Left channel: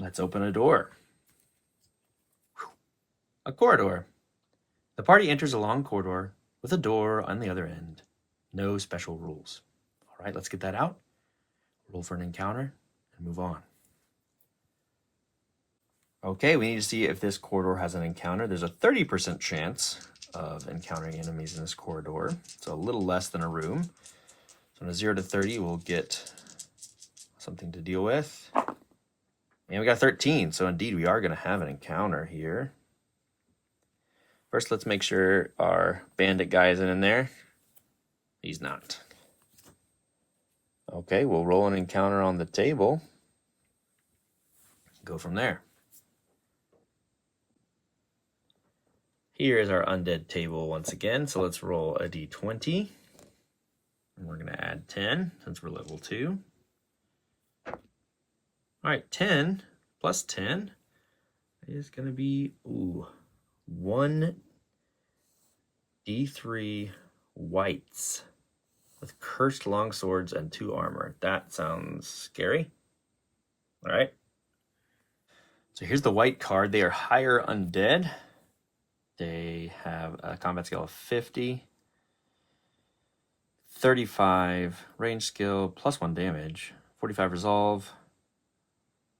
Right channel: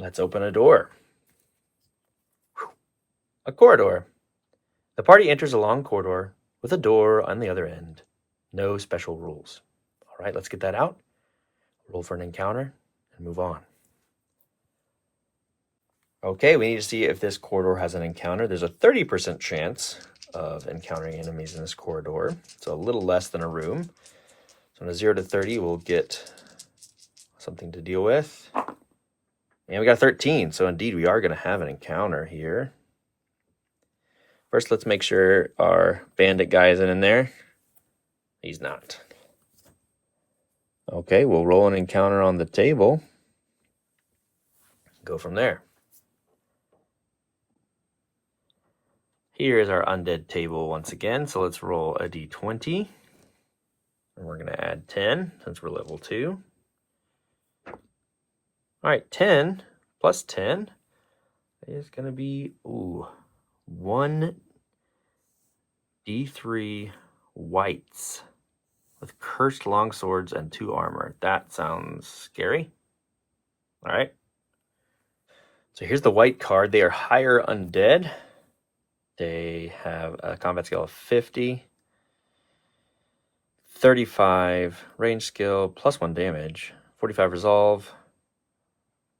Let's open a door. A corridor. The party enters a long corridor with a door on the other end. No special rules. All right, let's get that out. Roll for an encounter and move on. Okay, we need to see if this corridor has an encounter. There's a 30% chance of encountering enemies in this corridor. So a little less than a room. So on a 0 to 30, we'll get something to deal with. And we got 13, so indeed we are going to have an encounter here. First, let's make sure our bandit guy isn't in there. He's not. Okay, we'll roll an encounter on the table. Go from there. Here is our undead table once again, so let's roll a d20. And we're going to add 10 since we're level 2. All right, 10 plus 10 is going to be 1 d3 wights with cursed longswords and 2 armor. That sounds scary. All right. So here's the wight card. They are higher undead. They have a combat skill of 50, 35 range skill, plus 1 damage, 45 resolve,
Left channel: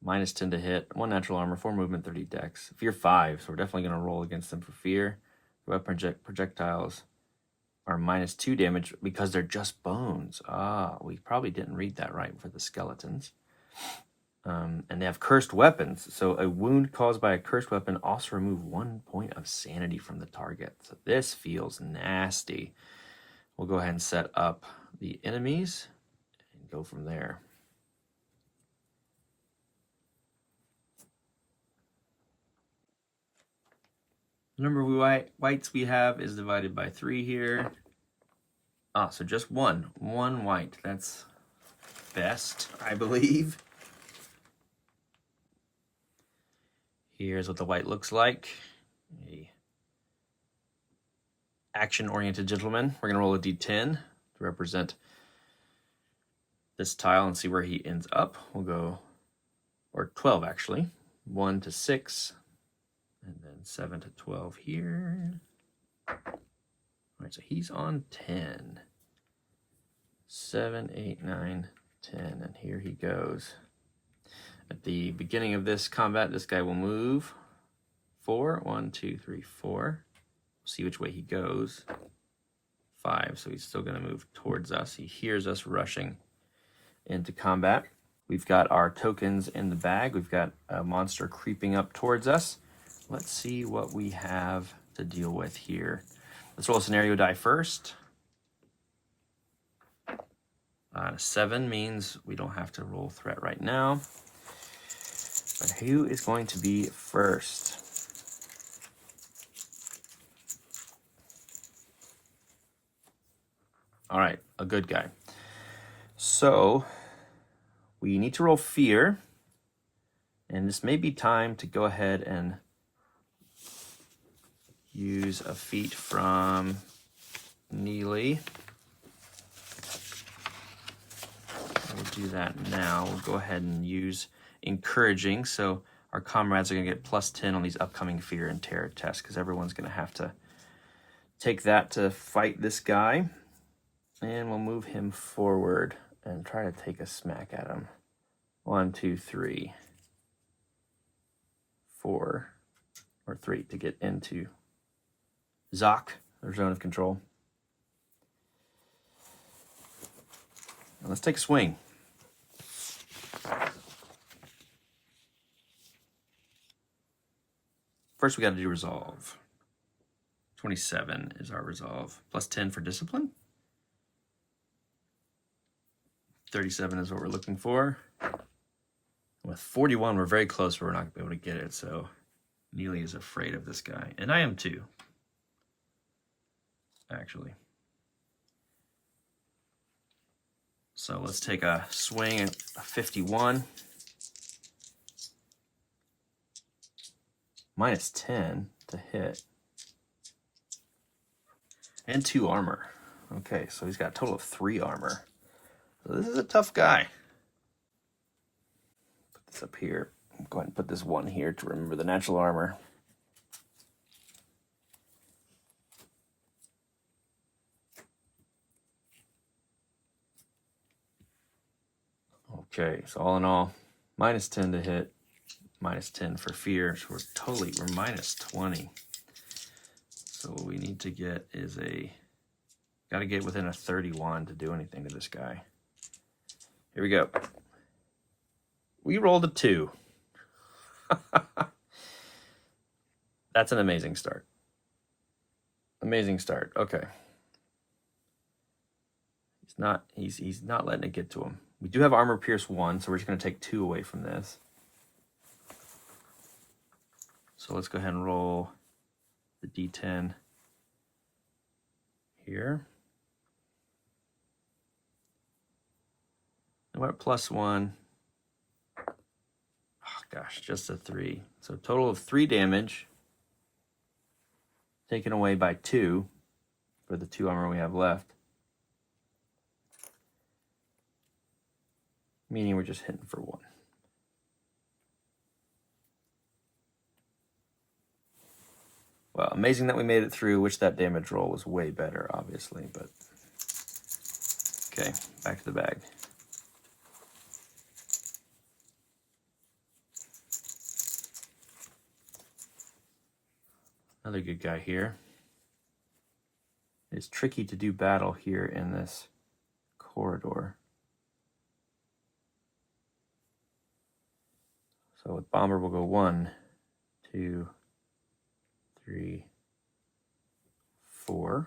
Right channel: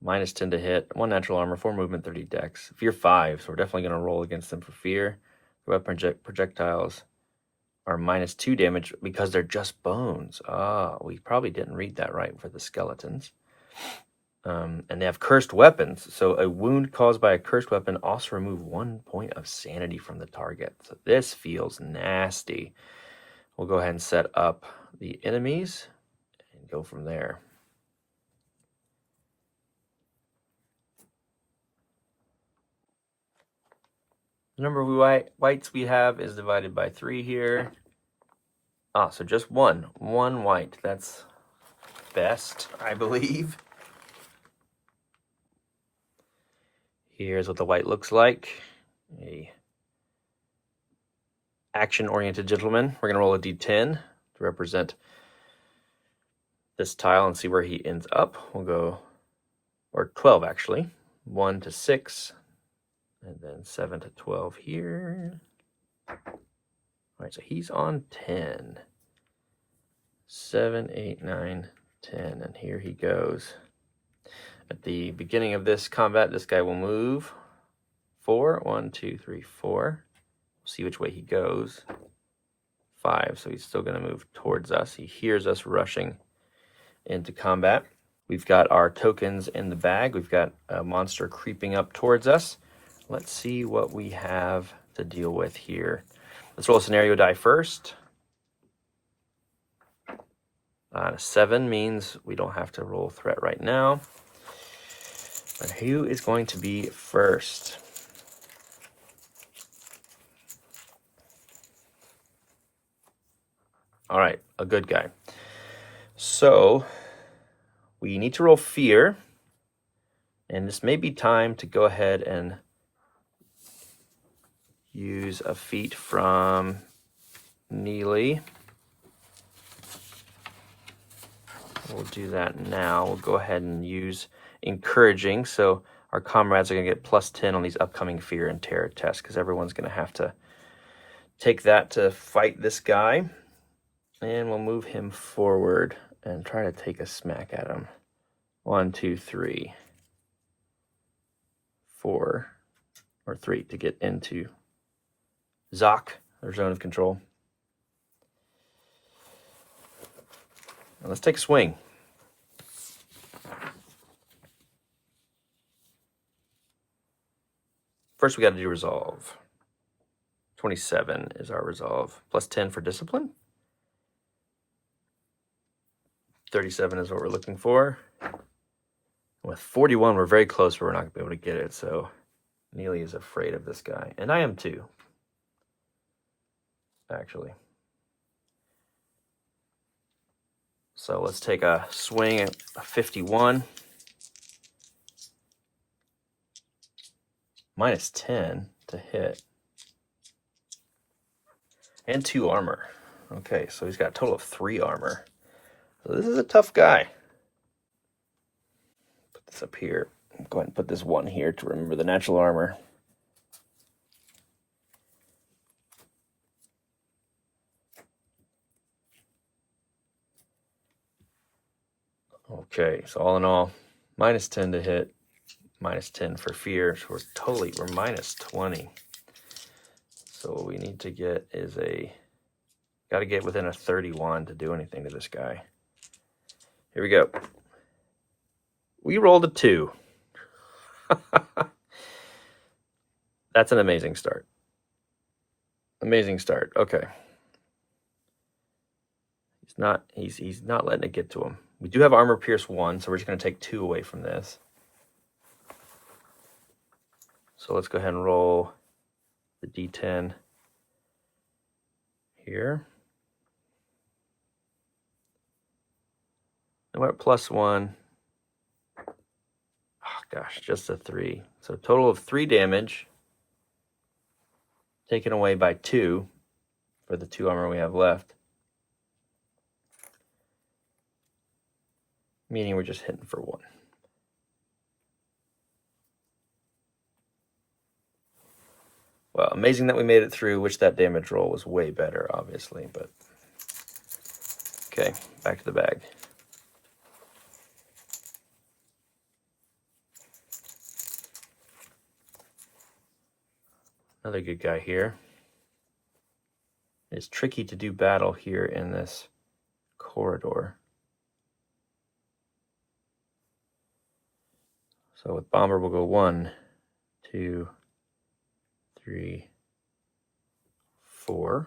minus 10 to hit, 1 natural armor, 4 movement, 30 dex. Fear 5, so we're definitely going to roll against them for fear. Weapon projectiles are minus 2 damage because they're just bones. We probably didn't read that right for the skeletons. And they have cursed weapons. So a wound caused by a cursed weapon also remove 1 point of sanity from the target. So this feels nasty. We'll go ahead and set up the enemies and go from there. The number of wights we have is divided by 3 here. So just one wight. That's best, I believe. Here's what the wight looks like. A action-oriented gentleman. We're gonna roll a d10 to represent this tile and see where he ends up. We'll go, or 12 actually. 1 to 6, and then 7 to 12 here. All right, so he's on 10. 7, 8, 9, 10, and here he goes. At the beginning of this combat, this guy will move 4. 1, 2, 3, 4. See which way he goes. 5, so he's still going to move towards us. He hears us rushing into combat. We've got our tokens in the bag. We've got a monster creeping up towards us. Let's see what we have to deal with here. Let's roll a scenario die first. 7 means we don't have to roll threat right now. Who is going to be first? All right, a good guy. So we need to roll fear, and this may be time to go ahead and use a feat from Neely. We'll do that now. We'll go ahead and use encouraging, so our comrades are going to get plus 10 on these upcoming fear and terror tests, because everyone's going to have to take that to fight this guy. And we'll move him forward and try to take a smack at him. 1, 2, 3, 4, or 3 to get into Zoc, their zone of control. Now let's take a swing. First, we got to do resolve. 27 is our resolve. Plus 10 for discipline. 37 is what we're looking for. With 41, we're very close, but we're not going to be able to get it. So Neely is afraid of this guy. And I am too, actually. So let's take a swing at a 51. Minus 10 to hit. And 2 armor. Okay, so he's got a total of 3 armor. So this is a tough guy. Put this up here. Go ahead and put this 1 here to remember the natural armor. Okay, so all in all, -10 to hit, -10 for fear. So we're -20. So what we need to get is got to get within a 31 to do anything to this guy. Here we go. We rolled a 2. That's an amazing start. Amazing start. Okay. He's not letting it get to him. We do have armor pierce 1, so we're just going to take 2 away from this. So let's go ahead and roll the D10 here. And we're at +1. Oh gosh, just a 3. So total of 3 damage, taken away by 2 for the 2 armor we have left. Meaning we're just hitting for 1. Well, amazing that we made it through. Wish that damage roll was way better, obviously, but okay, back to the bag. Another good guy here. It's tricky to do battle here in this corridor. So with Bomber, we'll go 1, 2, 3, 4.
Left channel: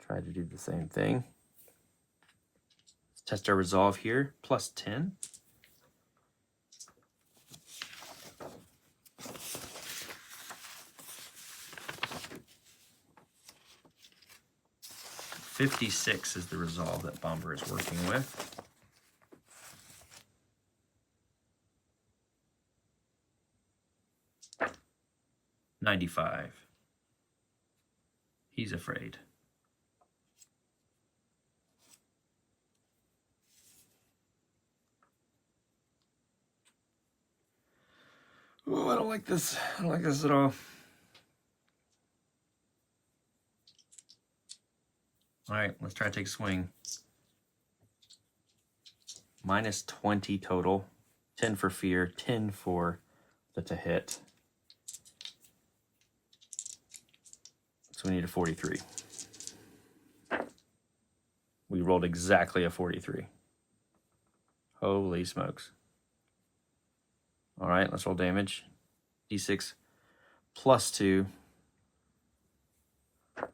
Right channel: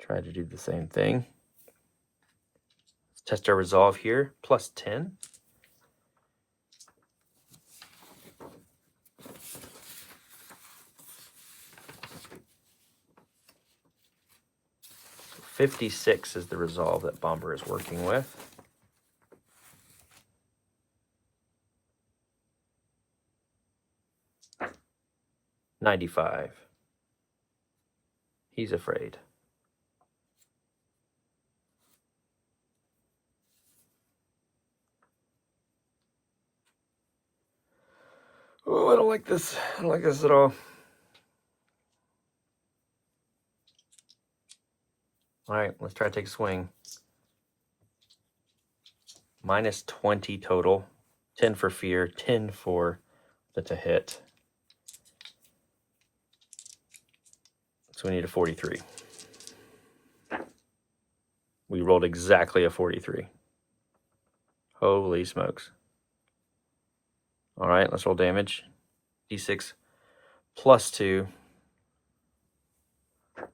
Try to do the same thing. Let's test our resolve here. +10. $56 is the resolve that Bomber is working with. $95. He's afraid. Oh, I don't like this. I don't like this at all. All right, let's try to take a swing. -20 total. 10 for fear, 10 for the to hit. So we need a 43. We rolled exactly a 43. Holy smokes. All right, let's roll damage. D6 +2. Oh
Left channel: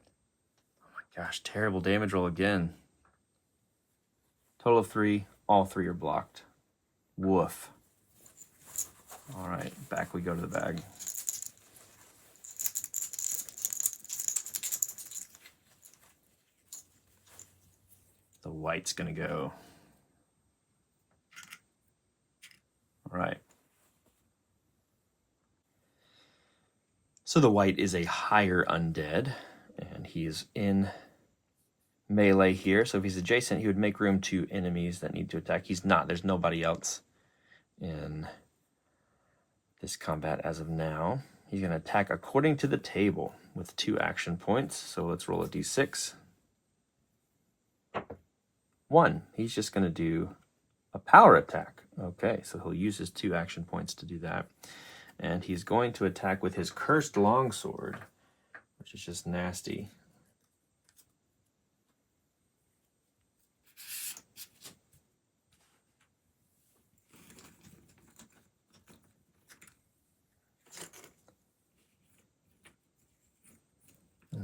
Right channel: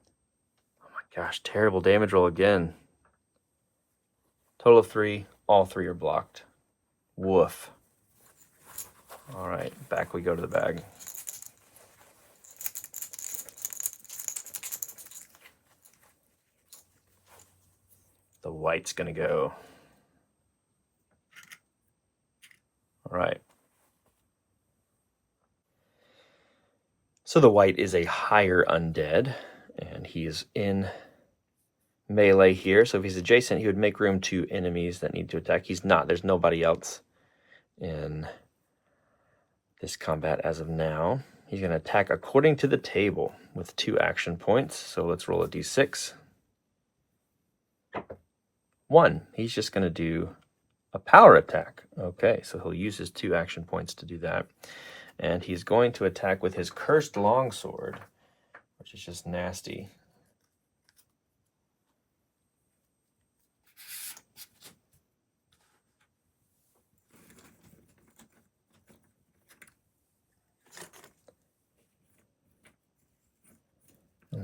my gosh, terrible damage roll again. Total of 3. All 3 are blocked. Woof. All right, back we go to the bag. The Wight's gonna go. All right. So the Wight is a higher undead, and he is in melee here. So if he's adjacent, he would make room to enemies that need to attack. He's not. There's nobody else in this combat as of now. He's going to attack according to the table with 2 action points. So let's roll a d6. 1. He's just going to do a power attack. Okay, so he'll use his 2 action points to do that. And he's going to attack with his cursed longsword, which is just nasty.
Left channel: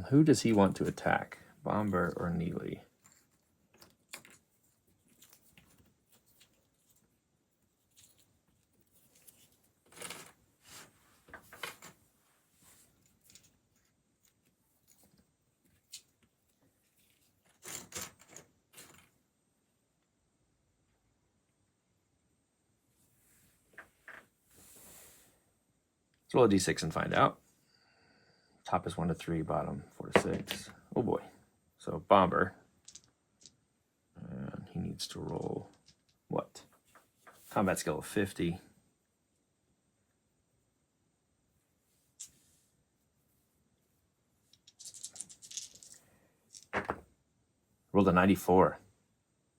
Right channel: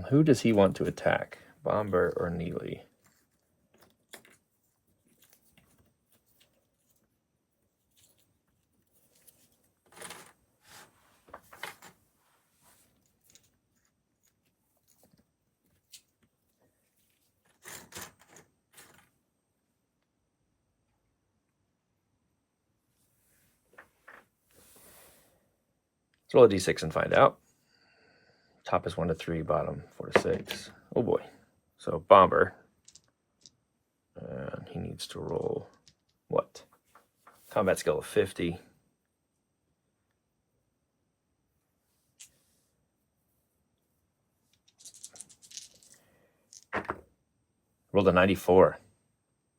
Who does he want to attack? Bomber or Neely? Let's roll a d6 and find out. Top is 1 to 3, bottom 4 to 6. Oh boy. So Bomber. And he needs to roll Combat skill of 50. Rolled a 94.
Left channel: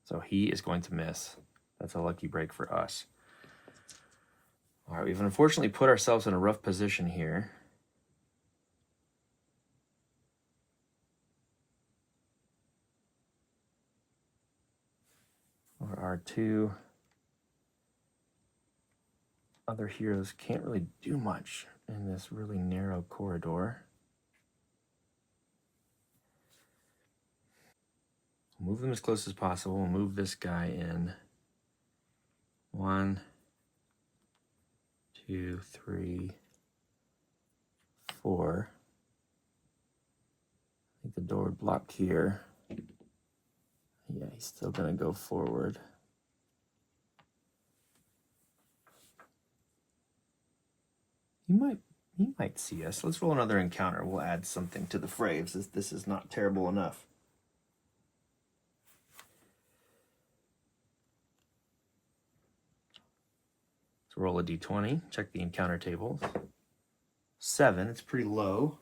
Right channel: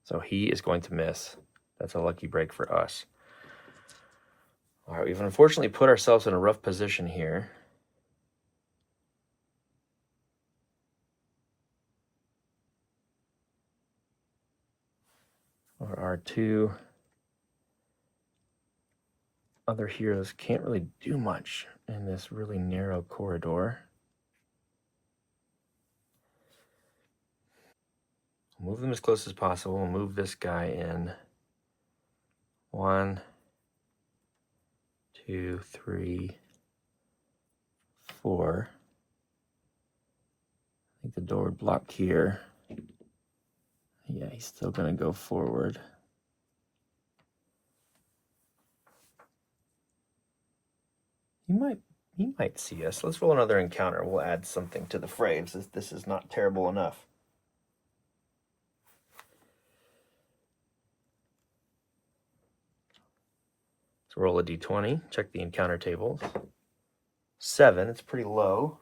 So he is going to miss. That's a lucky break for us. All right, we've unfortunately put ourselves in a rough position here. Our two other heroes can't really do much in this really narrow corridor. Move them as close as possible. Move this guy in. 1, 2, 3, 4. I think the door would block here. Yeah, he's still gonna go forward. He might see us. Let's roll another encounter. We'll add something to the fray. This is not terrible enough. So roll a d20. Check the encounter tables. 7. It's pretty low.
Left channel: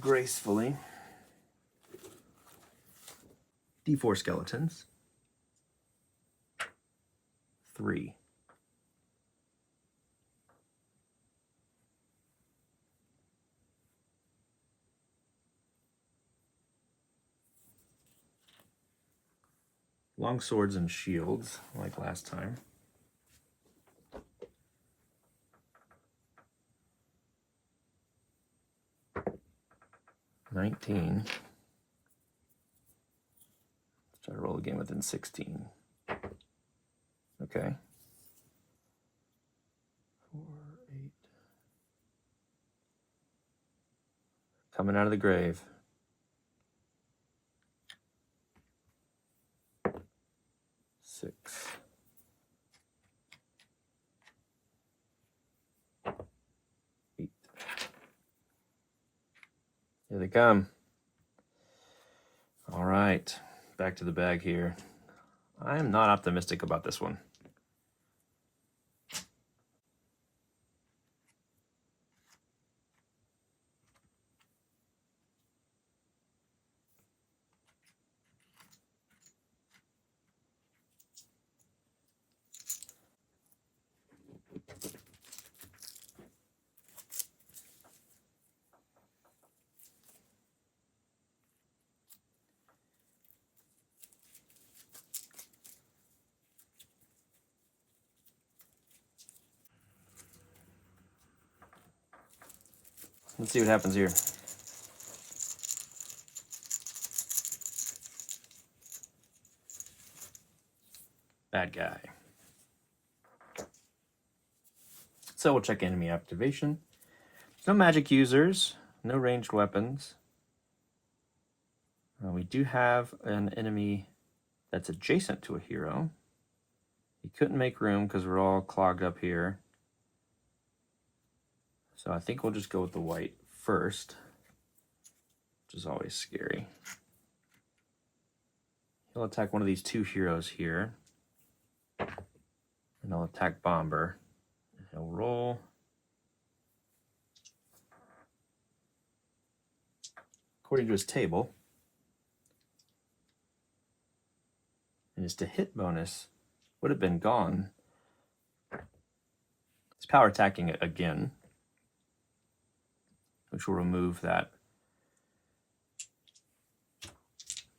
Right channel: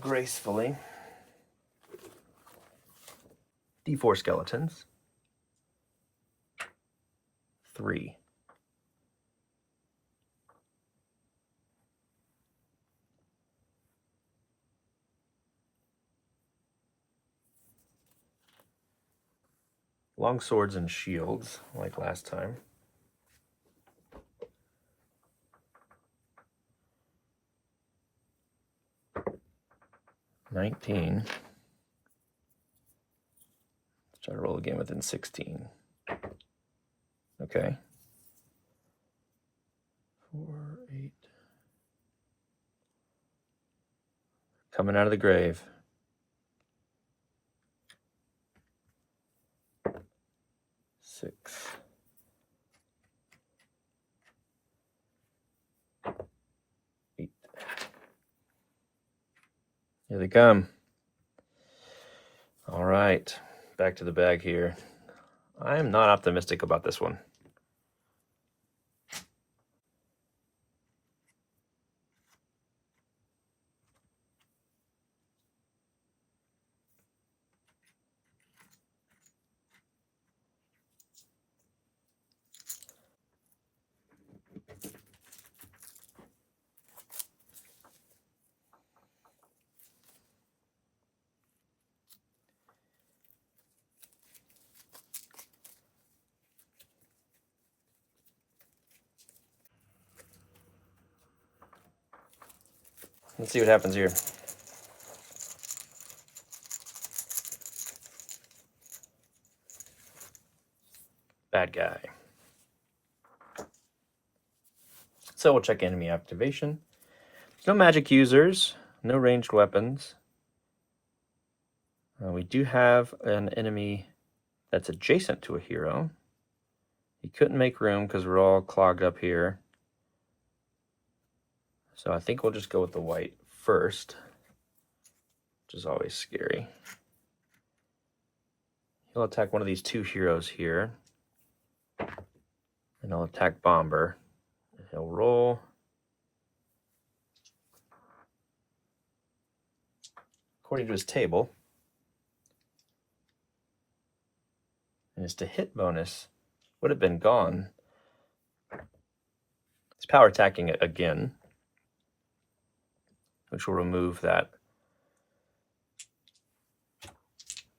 Gracefully. D4 skeletons. 3. Long swords and shields, like last time. 19. Try to roll again within 16. Okay. 4, 8. Coming out of the grave. 6. 8. Here they come. All right, back to the bag here. I am not optimistic about this one. Let's see what happens here. Bad guy. So we'll check enemy activation. No magic users, no ranged weapons. We do have an enemy that's adjacent to a hero. He couldn't make room because we're all clogged up here. So I think we'll just go with the Wight first, which is always scary. He'll attack one of these two heroes here. And he'll attack Bomber. He'll roll. According to his table, and his to hit bonus would have been gone. He's power attacking it again, which will remove that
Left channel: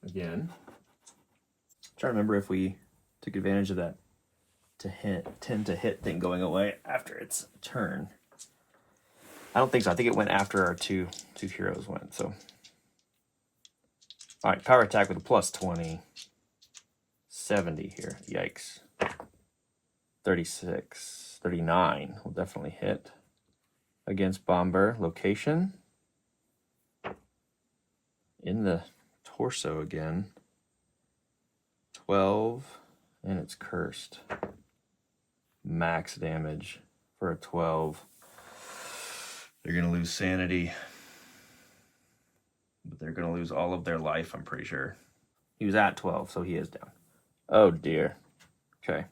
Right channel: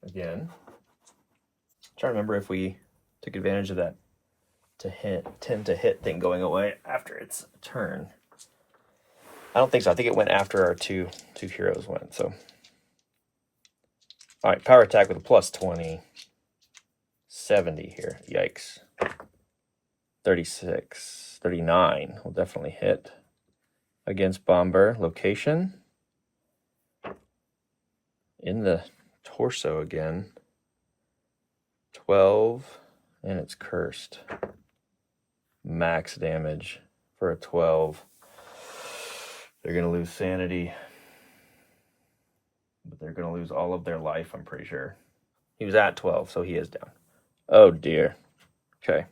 again. I'm trying to remember if we took advantage of that to hit, 10 to hit thing going away after its turn. I don't think so. I think it went after our two heroes went. So, all right, power attack with a plus 20. 70 here. Yikes. 36. 39 will definitely hit. Against Bomber. Location. In the torso again. 12. And it's cursed. Max damage for a 12. They're going to lose sanity. But they're going to lose all of their life, I'm pretty sure. He was at 12, so he is down. Oh dear. Okay.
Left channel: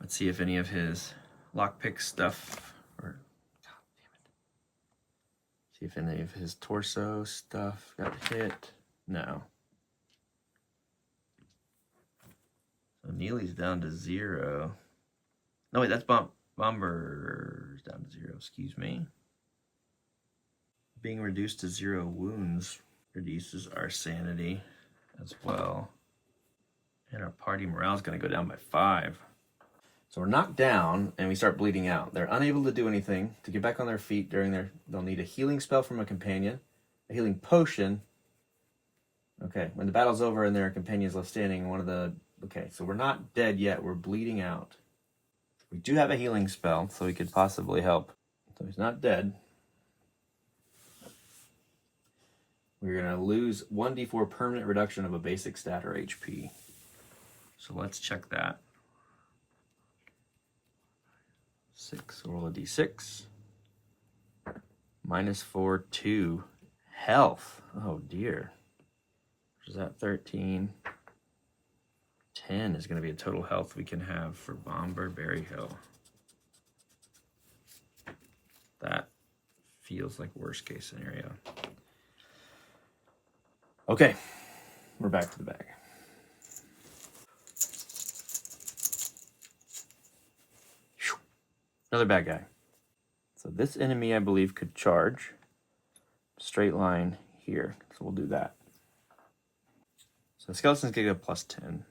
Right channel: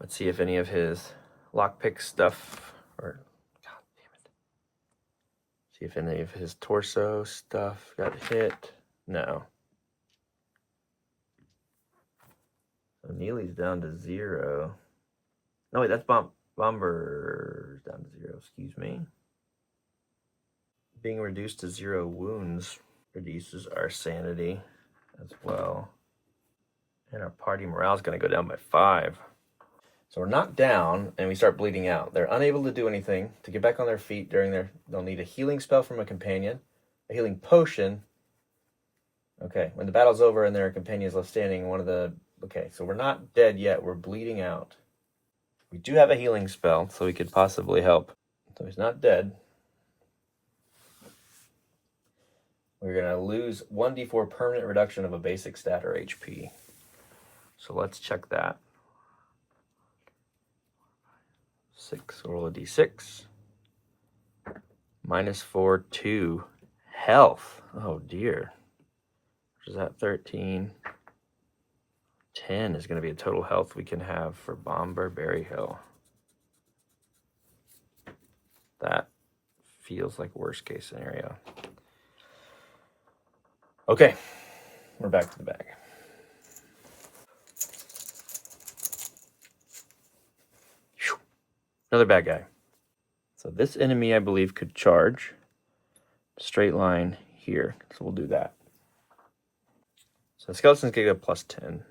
Let's see if any of his lockpick stuff, or God damn it. See if any of his torso stuff got hit. No. So Neely's down to 0. No, wait, that's Bomber's down to 0, excuse me. Being reduced to 0 wounds reduces our sanity as well. And our party morale is going to go down by 5. So we're knocked down and we start bleeding out. They're unable to do anything. To get back on their feet they'll need a healing spell from a companion, a healing potion. Okay, when the battle's over and their companion is left standing, okay, so we're not dead yet. We're bleeding out. We do have a healing spell, so we could possibly help. So he's not dead. We're going to lose 1d4 permanent reduction of a basic stat or HP. So let's check that. 6, roll a d6. -4, 2. Health. Oh dear. Which is that 13. 10 is going to be a total health we can have for Bomber Berry Hill. That feels like worst case scenario. Okay, we're back to the bag. Another bad guy. So this enemy, I believe, could charge. Straight line here, so we'll do that. So the skeleton's gonna get a +10.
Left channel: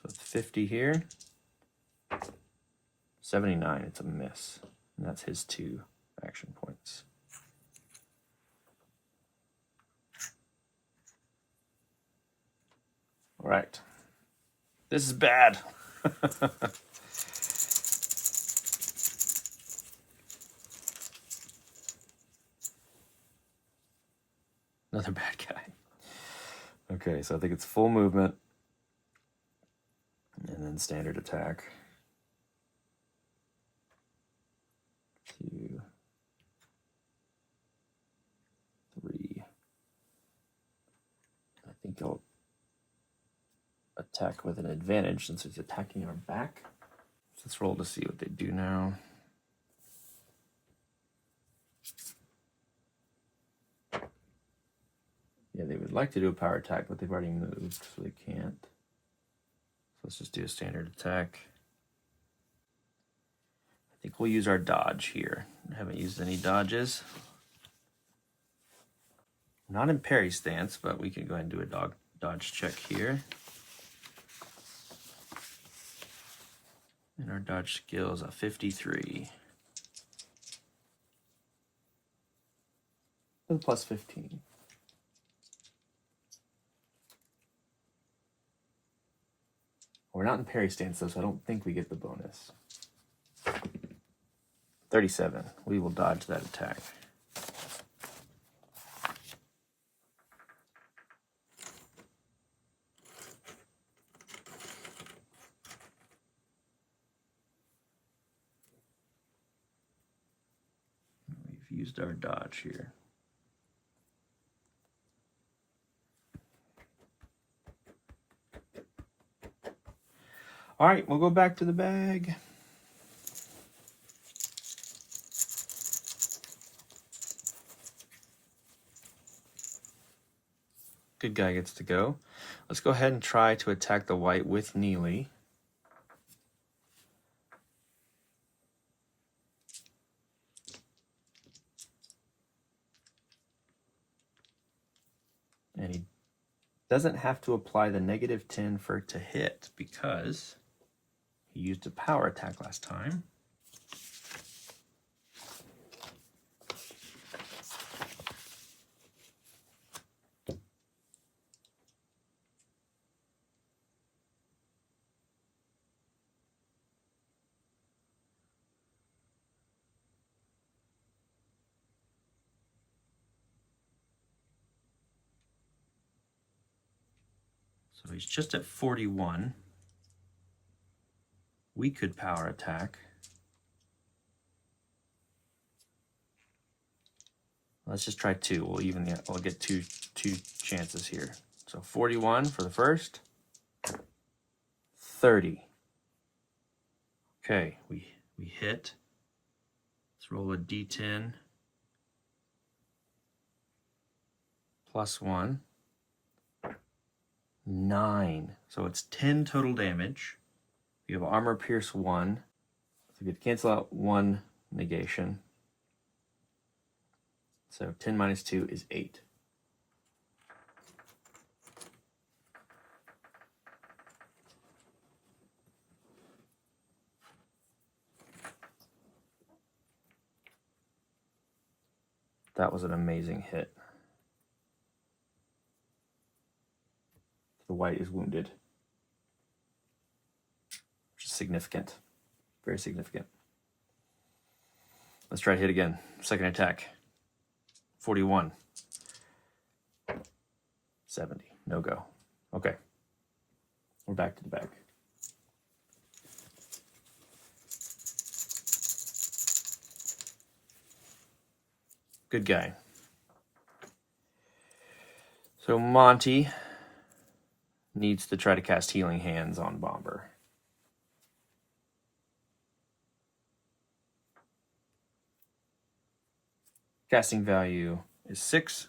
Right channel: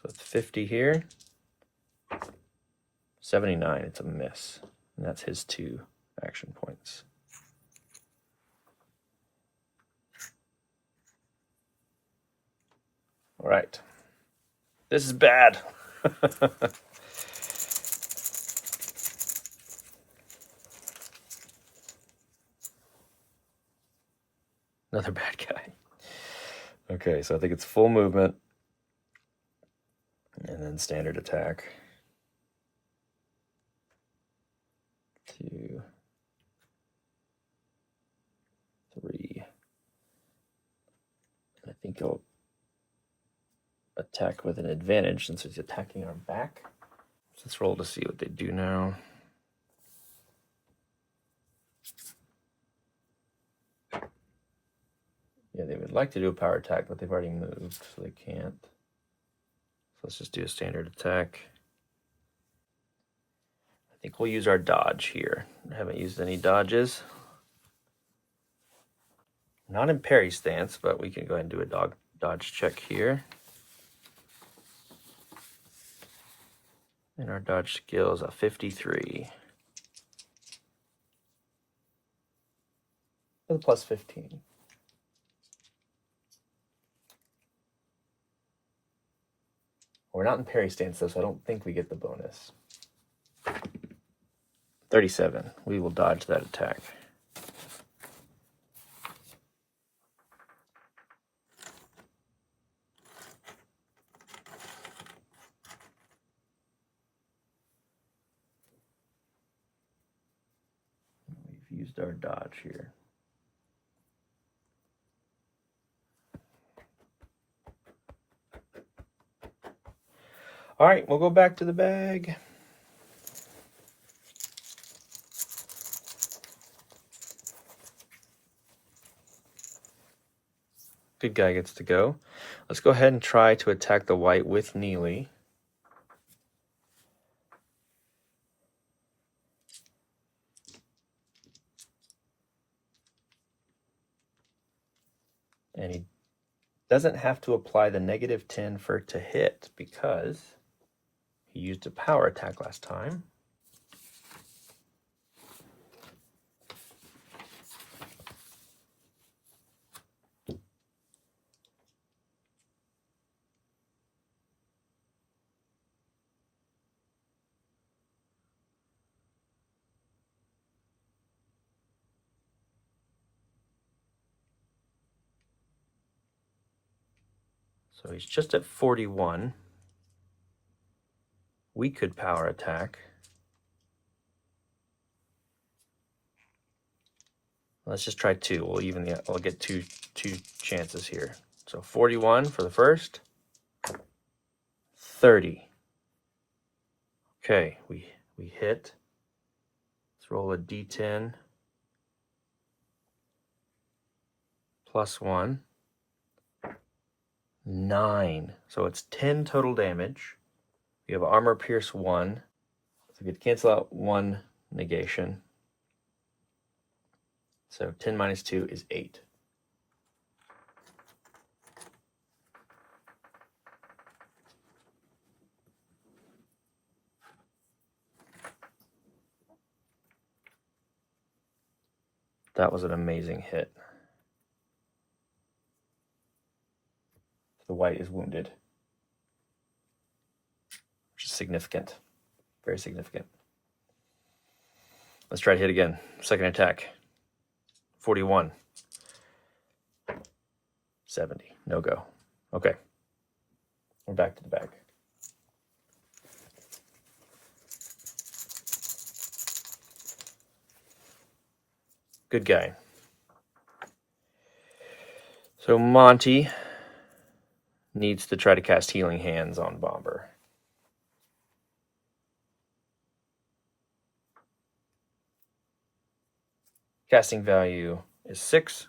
So it's 50 here. 79, it's a miss. And that's his 2 action points. All right. This is bad. Another bad guy. Okay, so I think it's full movement. And then standard attack. 2, 3. I think he'll attack with an advantage since he's attacking our back. Let's roll to see what they do now. Yeah, they would like to do a power attack, but they've already moved, so they can't. So let's just do a standard attack. I think we'll use our dodge here. I haven't used any dodges. Not in parry stance, but we can go ahead and do a dodge check here. And our dodge skill is a 53. With a +15. We're not in parry stance though, so I don't think we get the bonus. 37. We will dodge that attack. We've used our dodge here. All right, we'll go back to the bag. Good guy gets to go. Let's go ahead and try to attack the Wight with Neely. And he doesn't have to apply the -10 for it to hit because he used a power attack last time. So he's just at 41. We could power attack. Let's just try 2. We'll get two chances here. So 41 for the first. 30. Okay, we hit. Let's roll a d10 plus 1. 9. So it's 10 total damage. We have armor pierce 1. So we could cancel out 1 negation. So 10 minus 2 is 8. That was an amazing hit. The Wight is wounded, which is significant. Very significant. Let's try to hit again. Second attack. 41. 70. No go. Okay. We're back to the bag. Good guy. So Monty needs to try to cast Healing Hands on Bomber. Casting value is 6.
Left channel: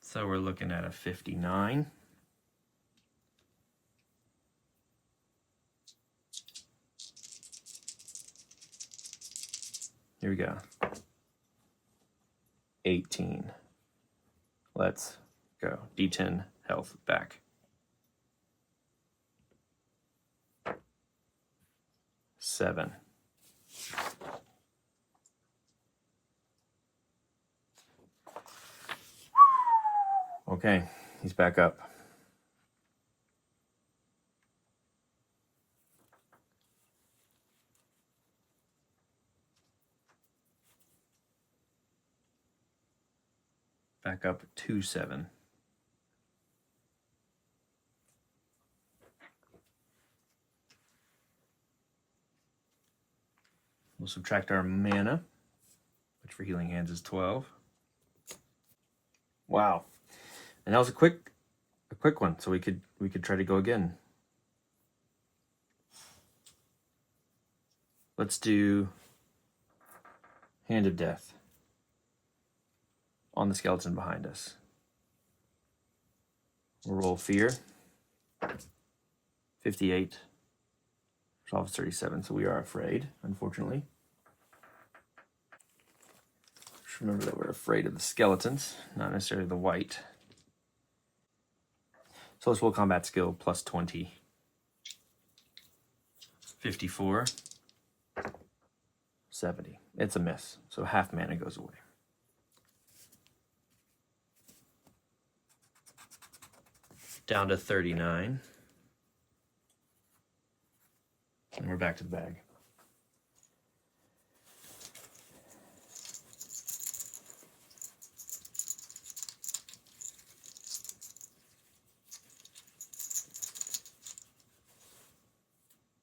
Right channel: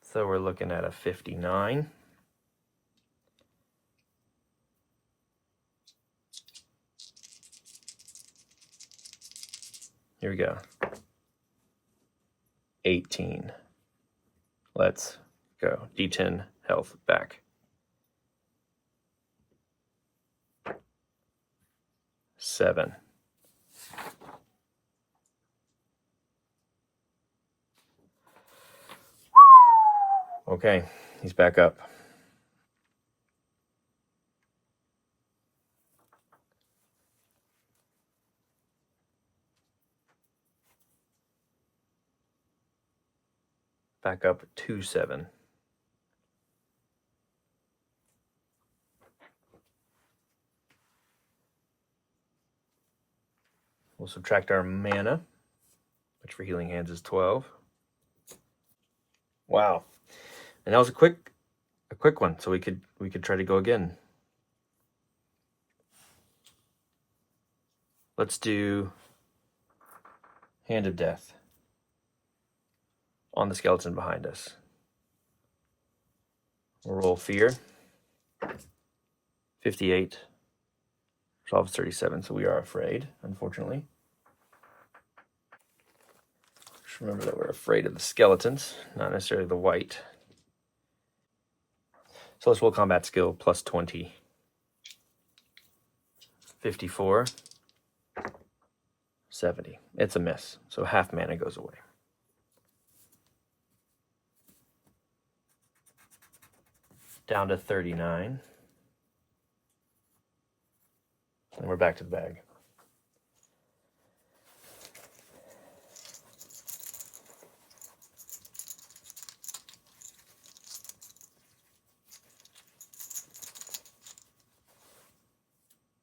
So we're looking at a 59. Here we go. 18. Let's go. D10 health back. 7. Okay, he's back up. Back up to 7. We'll subtract our mana, which for Healing Hands is 12. Wow. And that was a quick one, so we could try to go again. Let's do Hand of Death on the skeleton behind us. We'll roll Fear. 58. Resolve 37, so we are afraid, unfortunately. Just remember that we're afraid of the skeletons, not necessarily the Wight. So let's roll combat skill plus 20. 54. 70. It's a miss, so half mana goes away. Down to 39. And we're back to the bag.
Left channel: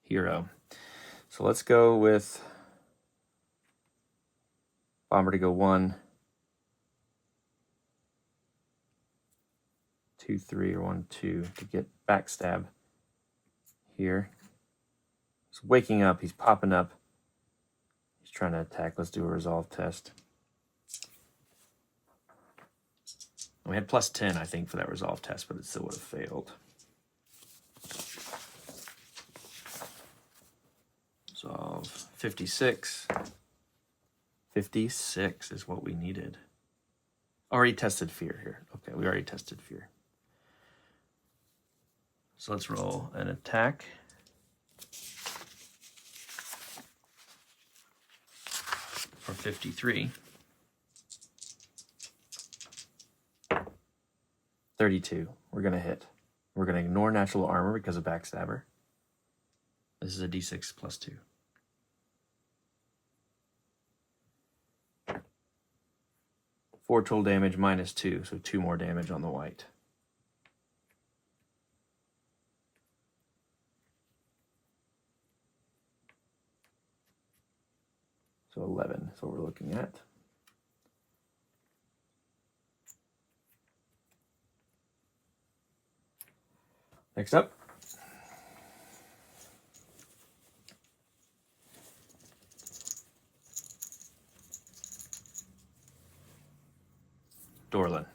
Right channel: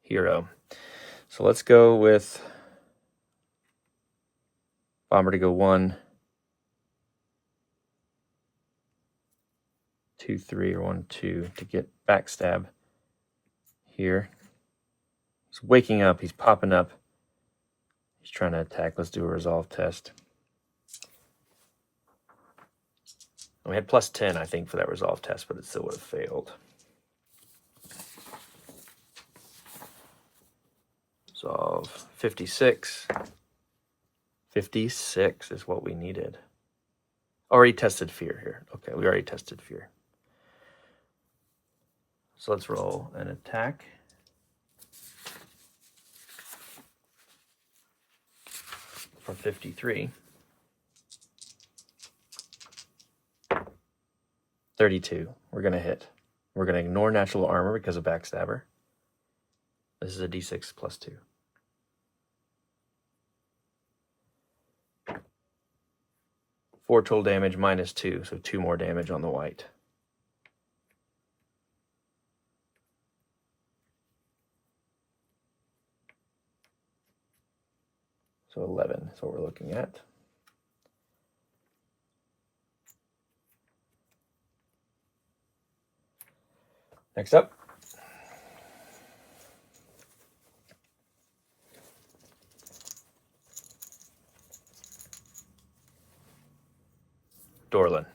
Hero. So let's go with Bomber to go 1, 2, 3, or 1, 2 to get backstab here. He's waking up, he's popping up. He's trying to attack. Let's do a resolve test. We had plus 10, I think, for that resolve test, but it still would have failed. Resolve 56. 56 is what we needed. Already tested fear here. Okay, we already tested fear. So let's roll an attack. For 53. 32. We're going to hit. We're going to ignore natural armor because of backstabber. This is a d6 plus 2. 4 total damage minus 2, so 2 more damage on the Wight. So 11 is what we're looking at. Next up. Dorlin.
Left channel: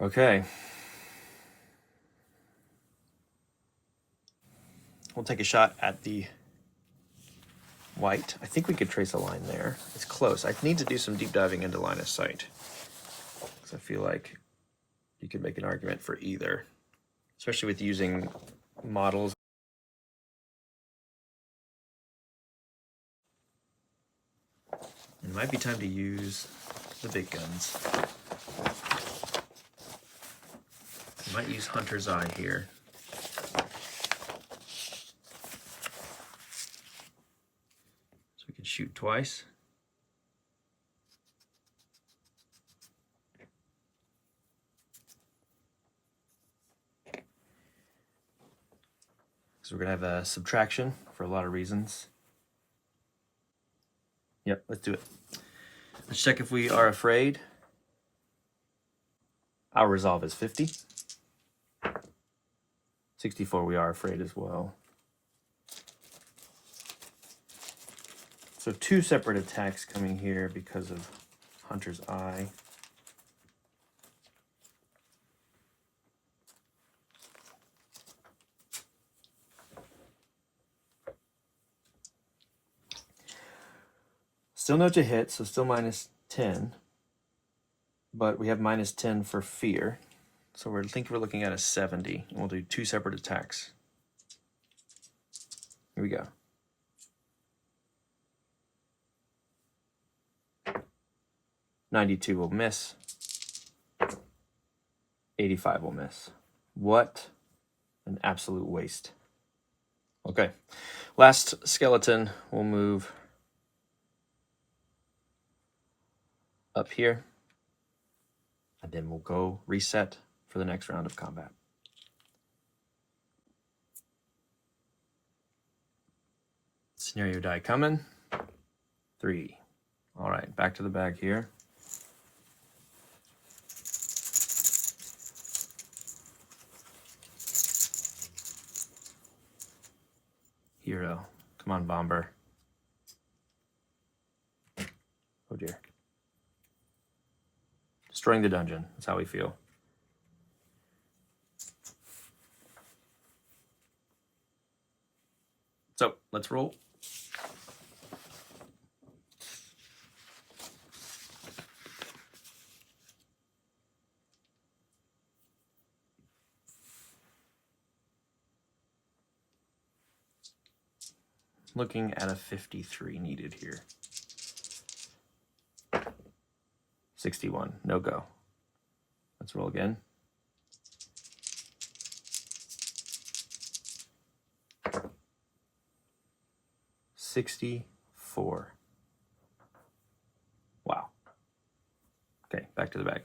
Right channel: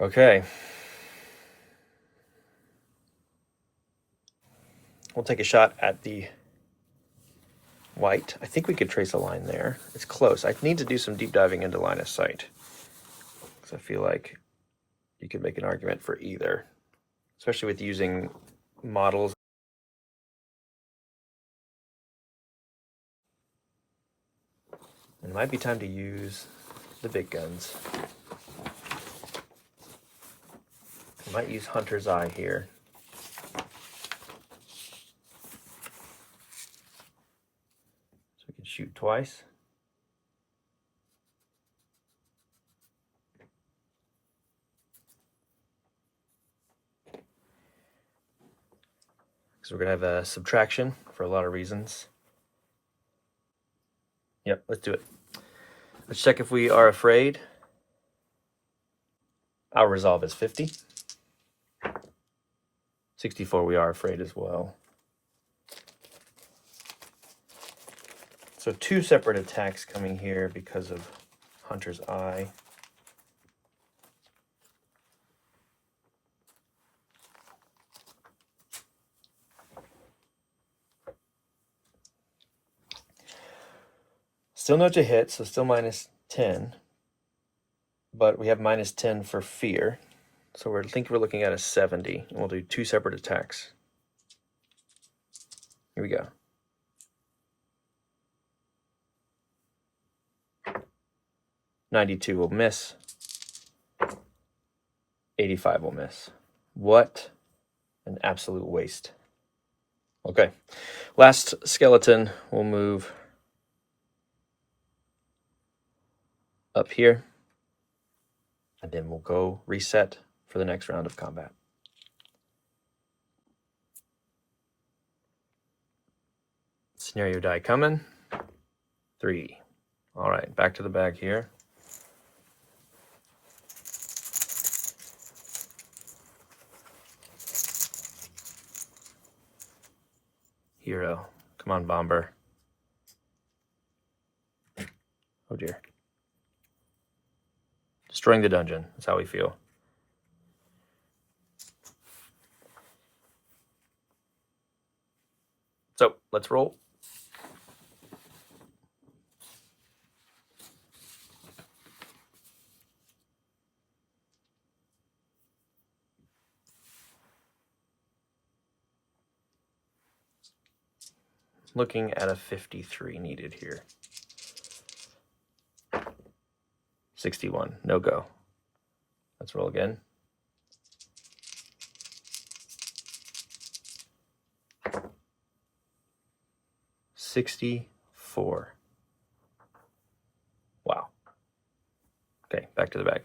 Okay. We'll take a shot at the Wight. I think we could trace a line there. It's close. I need to do some deep diving into line of sight. So I feel like you could make an argument for either, especially with using models. It might be time to use the big guns. I might use Hunter's Eye here. So we can shoot twice. So we're gonna have a subtraction for a lot of reasons. Yep, let's do it. Let's check if we are afraid. Our resolve is 50. 64, we are afraid as well. So 2 separate attacks coming here because of Hunter's Eye. Still no to hit, so still minus 10. But we have minus 10 for fear. So I think we're looking at a 70. And we'll do 2 separate attacks. Here we go. $92 will miss. 85 will miss. What an absolute waste. Okay. Last skeleton will move up here. And then we'll go reset for the next round of combat. Scenario die coming. 3. All right, back to the bag here. Hero. Come on, Bomber. Oh dear. Destroying the dungeon. That's how we feel. So let's roll. Looking at a 53 needed here. 61, no go. Let's roll again. $64. Wow. Okay, back to the bag.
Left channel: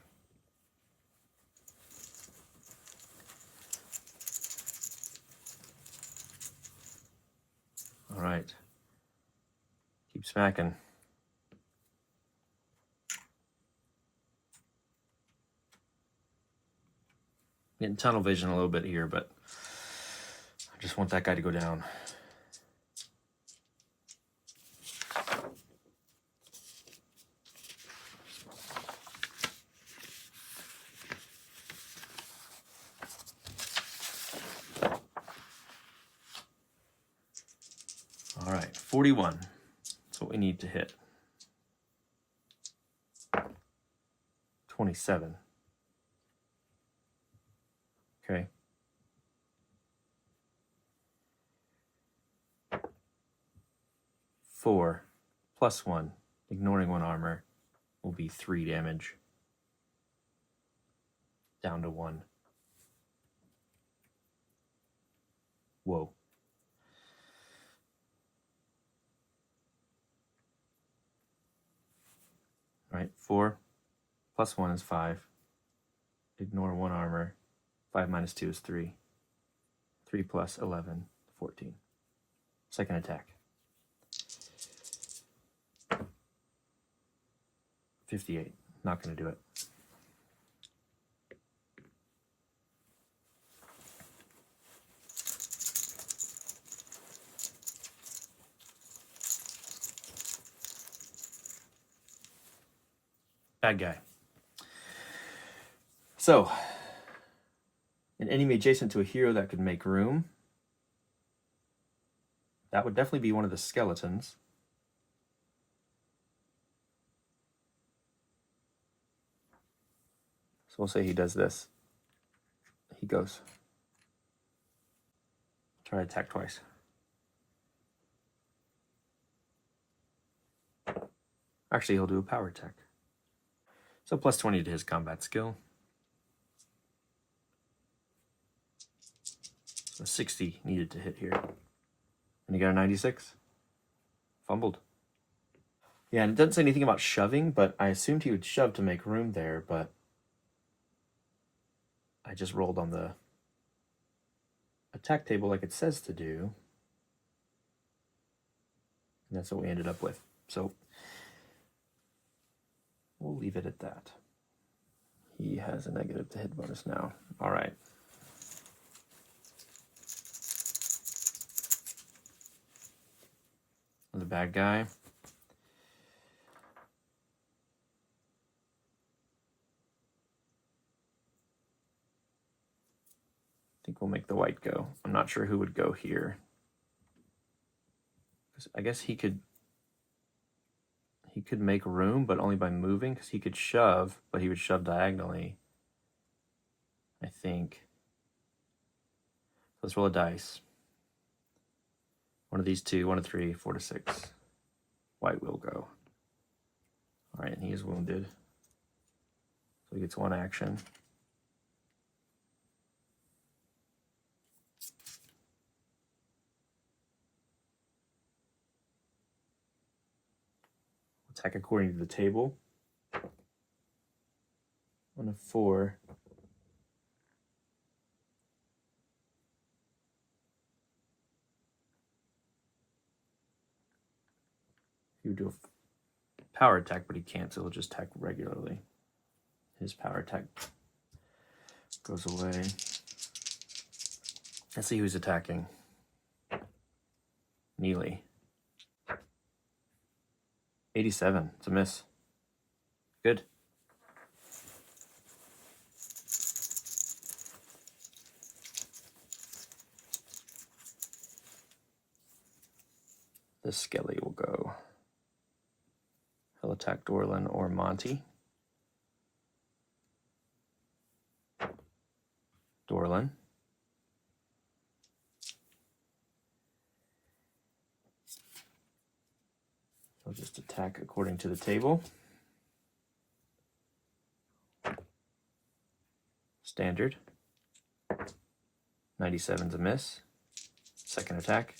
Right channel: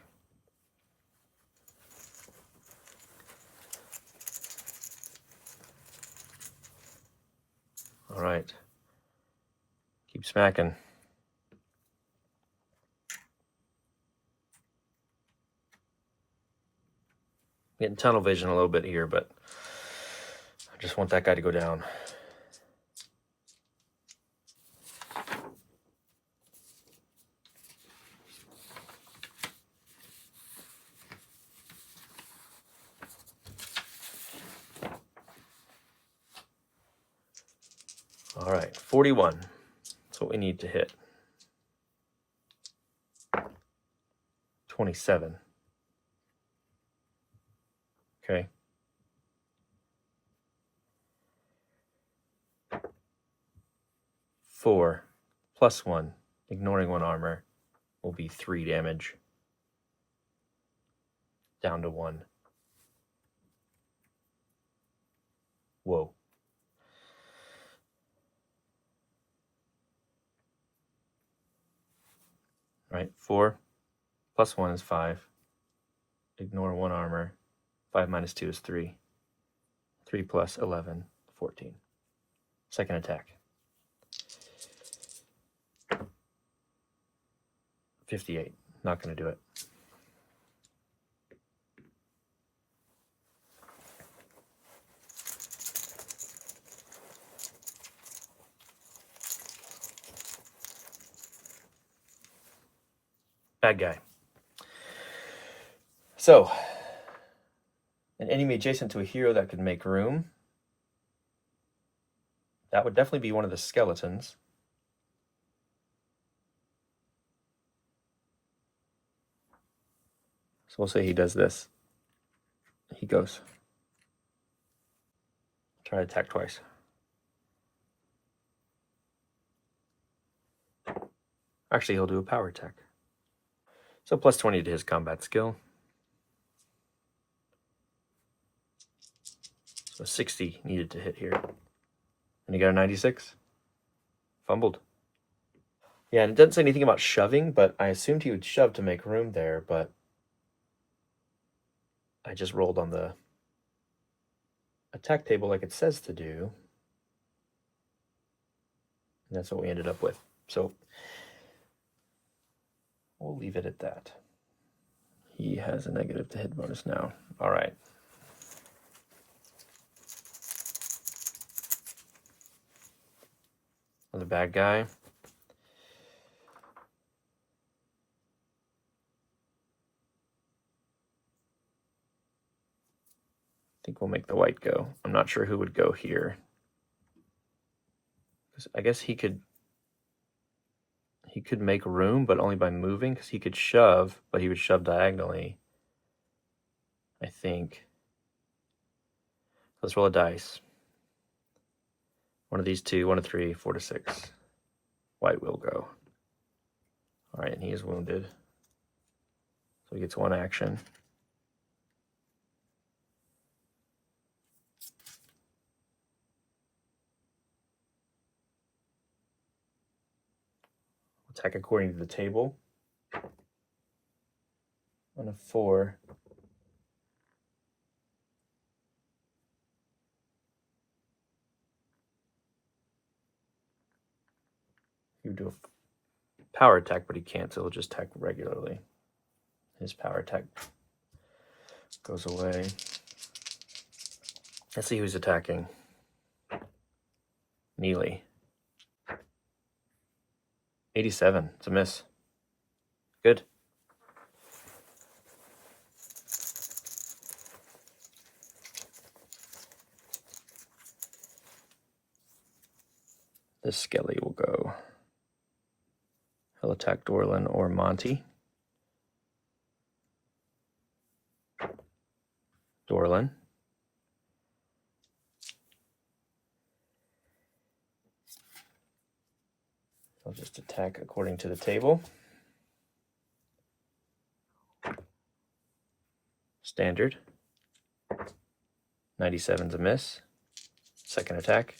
All right. Keep smacking. Getting tunnel vision a little bit here, but I just want that guy to go down. All right, 41. That's what we need to hit. 27. Okay. Four plus 1, ignoring 1 armor, will be 3 damage. Down to 1. Whoa. 4. Plus 1 is 5. Ignore 1 armor. 5 minus 2 is 3. 3 plus 11, 14. Second attack. 58. Not going to do it. Bad guy. So, an enemy adjacent to a hero that could make room. That would definitely be one of the skeletons. So we'll say he does this. He goes. Try to attack twice. Actually, he'll do a power attack. So plus 20 to his combat skill. So 60 needed to hit here. And he got a 96. Fumbled. Yeah, and it doesn't say anything about shoving, but I assumed he would shove to make room there, but I just rolled on the attack table like it says to do. And that's what we ended up with. So we'll leave it at that. He has a negative to hit bonus now. All right. The bad guy. I think we'll make the Wight go. I'm not sure who would go here. I guess he could make room, but only by moving, because he could shove, but he would shove diagonally. I think. Let's roll a dice. One of these two, 1 to 3, 4 to 6. Wight will go. All right, and he is wounded. So he gets 1 action. Attack according to the table. On a 4. He would do a power attack, but he can't, so he'll just attack regularly. His power attack goes away. Let's see who's attacking. Neely. 87. It's a miss. Good. This Skelly will go. He'll attack Dorlin or Monty. Dorlin. I'll just attack according to the table. Standard. 97's a miss. Second attack.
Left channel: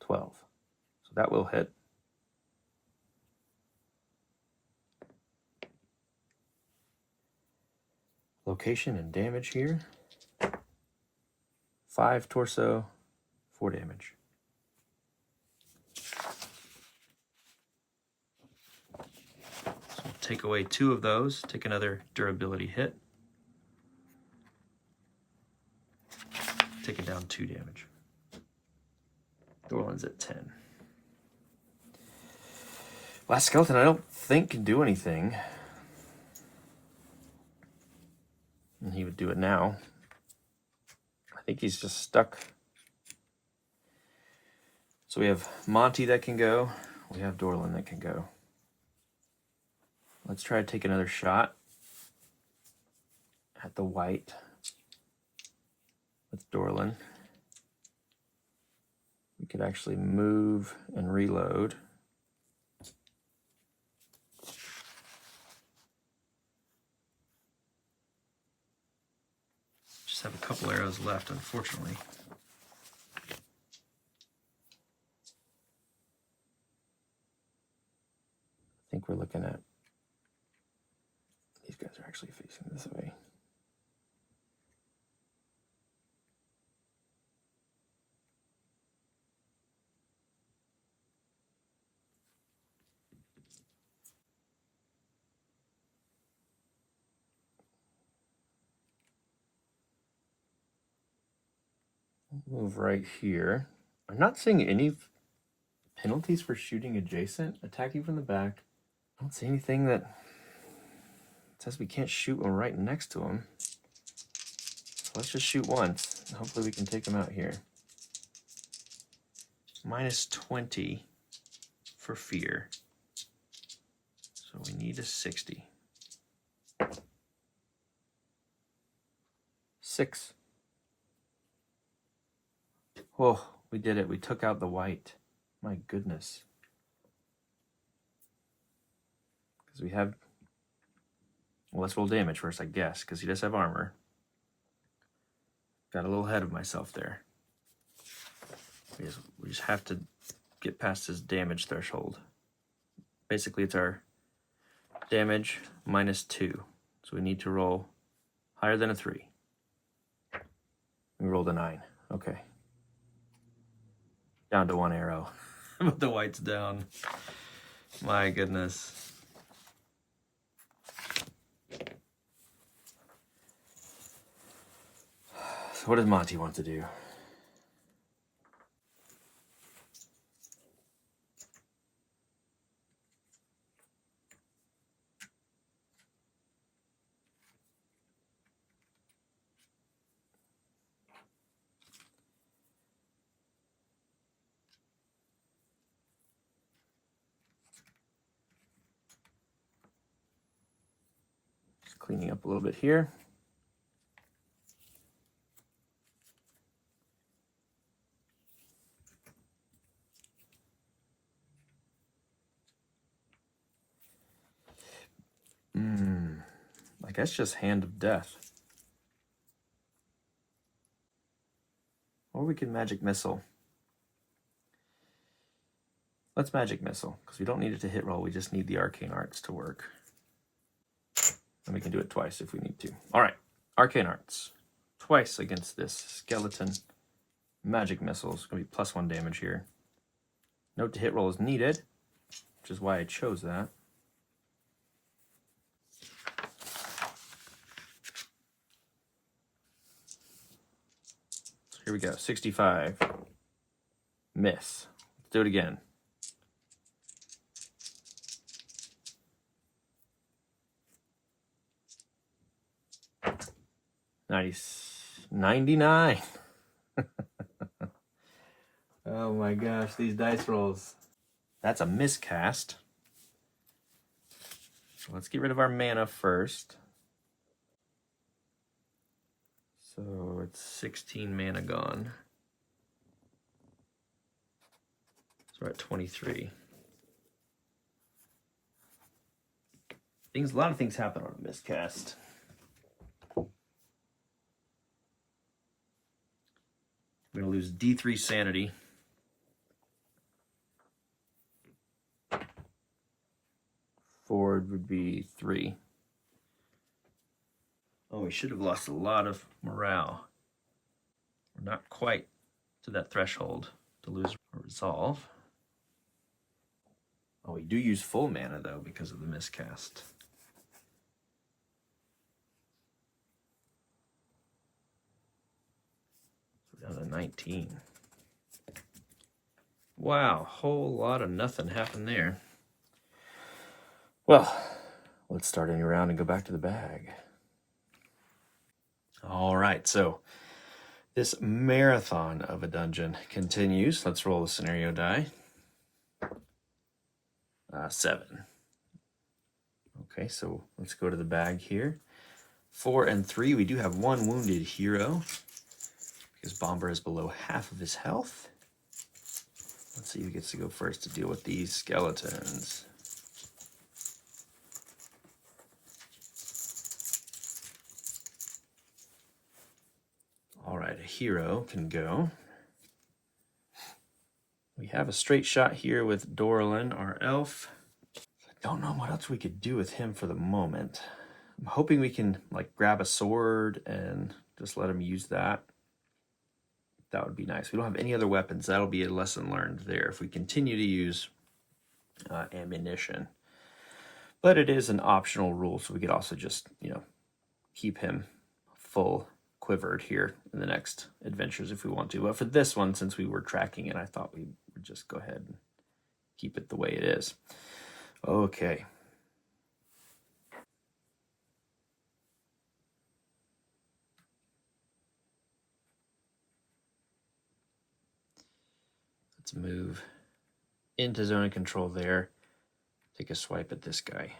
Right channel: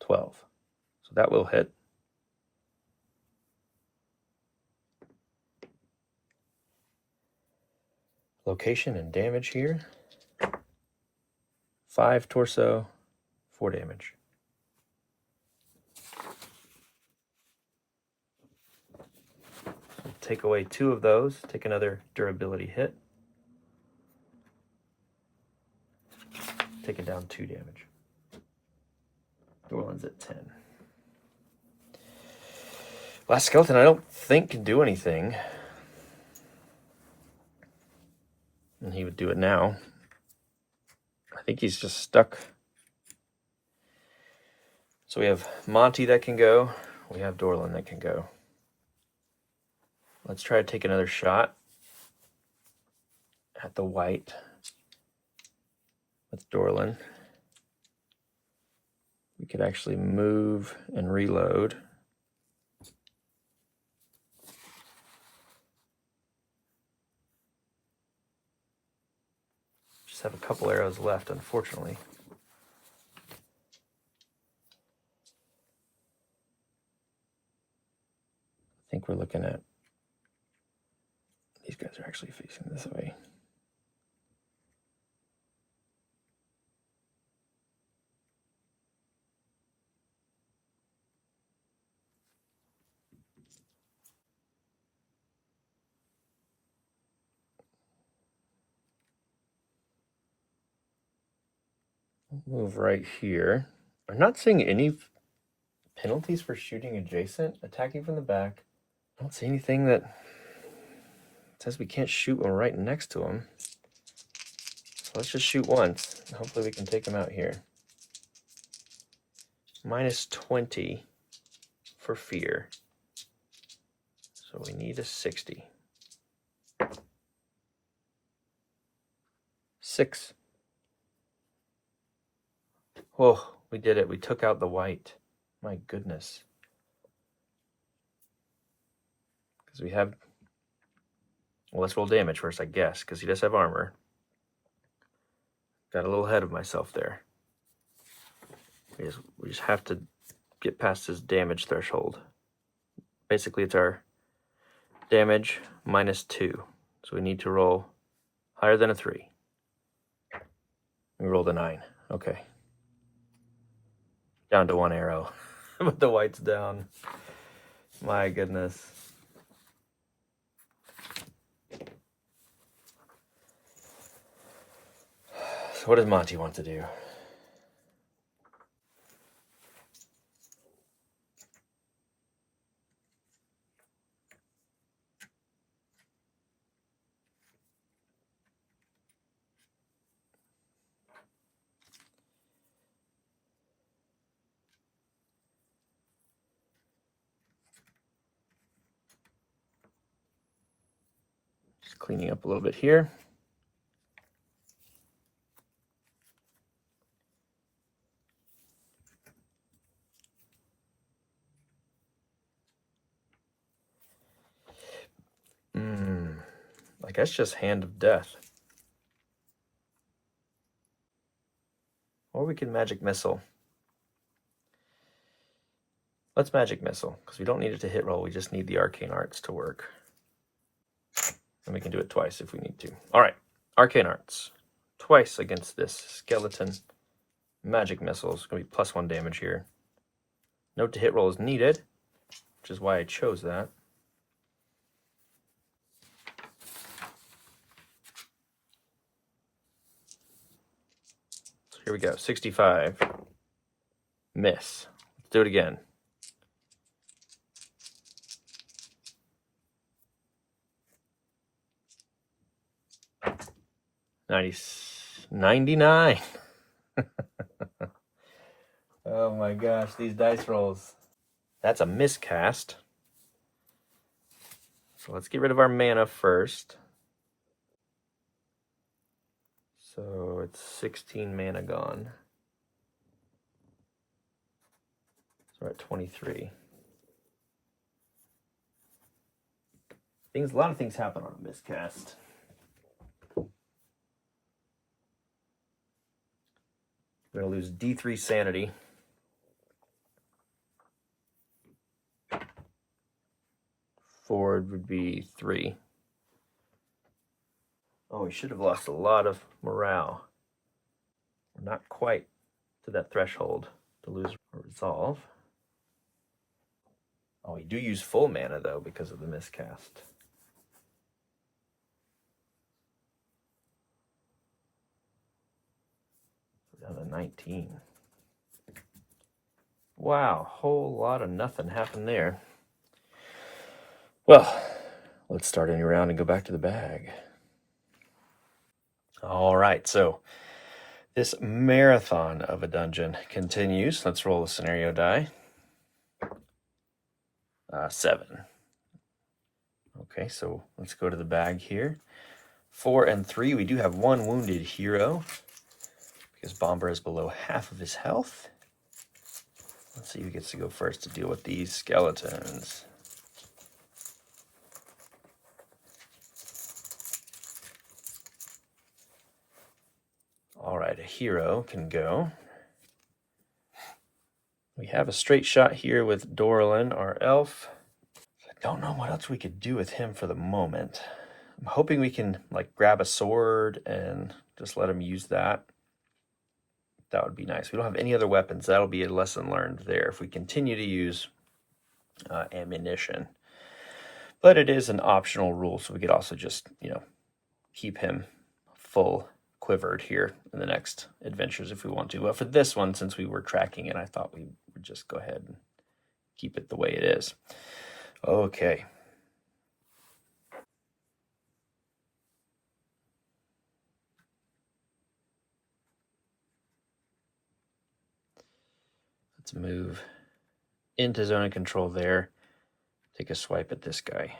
12. So that will hit. Location and damage here. 5 torso, 4 damage. So we'll take away 2 of those, take another durability hit. Taking down 2 damage. Dorlin's at 10. Last skeleton I don't think can do anything. And he would do it now. I think he's just stuck. So we have Monty that can go. We have Dorlin that can go. Let's try to take another shot at the Wight. That's Dorlin. We could actually move and reload. Just have a couple arrows left, unfortunately. I think we're looking at Move right here. I'm not seeing any penalties for shooting adjacent, attacking from the back. I don't see anything that says we can't shoot when we're right next to him. So let's just shoot once. Hopefully we can take him out here. Minus 20 for fear. So we need a 60. 6. Oh, we did it. We took out the Wight. My goodness. Because we have... Well, let's roll damage first, I guess, because he does have armor. Got a little ahead of myself there. We just have to get past his damage threshold. Basically, it's our damage minus 2. So we need to roll higher than a 3. We rolled a 9. Okay. Down to 1 arrow. But the Wight's down. My goodness. So what does Monty want to do? Just cleaning up a little bit here. I guess just Hand of Death. Or we can Magic Missile. Let's Magic Missile, because we don't need it to hit roll, we just need the Arcane Arts to work. And we can do it twice if we need to. Alright, Arcane Arts. Twice against this skeleton. Magic Missile is going to be plus 1 damage here. Note to hit roll is needed, which is why I chose that. Here we go, 65. Miss. Let's do it again. Nice. 99. Oh my gosh, these dice rolls. That's a miscast. So let's get rid of our mana first. So it's 16 mana gone. So we're at 23. A lot of things happen on a miscast. We're going to lose D3 sanity. Forward would be 3. Oh, we should have lost a lot of morale. We're not quite to that threshold to lose a resolve. Oh, we do use full mana, though, because of the miscast. So we're down to 19. Wow, whole lot of nothing happened there. Well, let's start a new round and go back to the bag. All right, so this marathon of a dungeon continues. Let's roll the scenario die. 7. Okay, so let's go to the bag here. 4 and 3, we do have 1 wounded hero because Bomber is below half of his health. Let's see who gets to go first to deal with these skeletons. All right, a hero can go. We have a straight shot here with Dorlin, our elf. I don't know what else we could do with him for the moment. I'm hoping we can like grab a sword and just let him use that. That would be nice. We don't have any other weapons. That'll be a lesson learned there if we continue to use ammunition. But it is an optional rule, so we could also just, keep him full quivered here in the next adventures if we want to. But for this one, since we were tracking it, I thought we would just go ahead and keep it the way it is. Okay. Let's move into zone of control there. Take a swipe at this guy.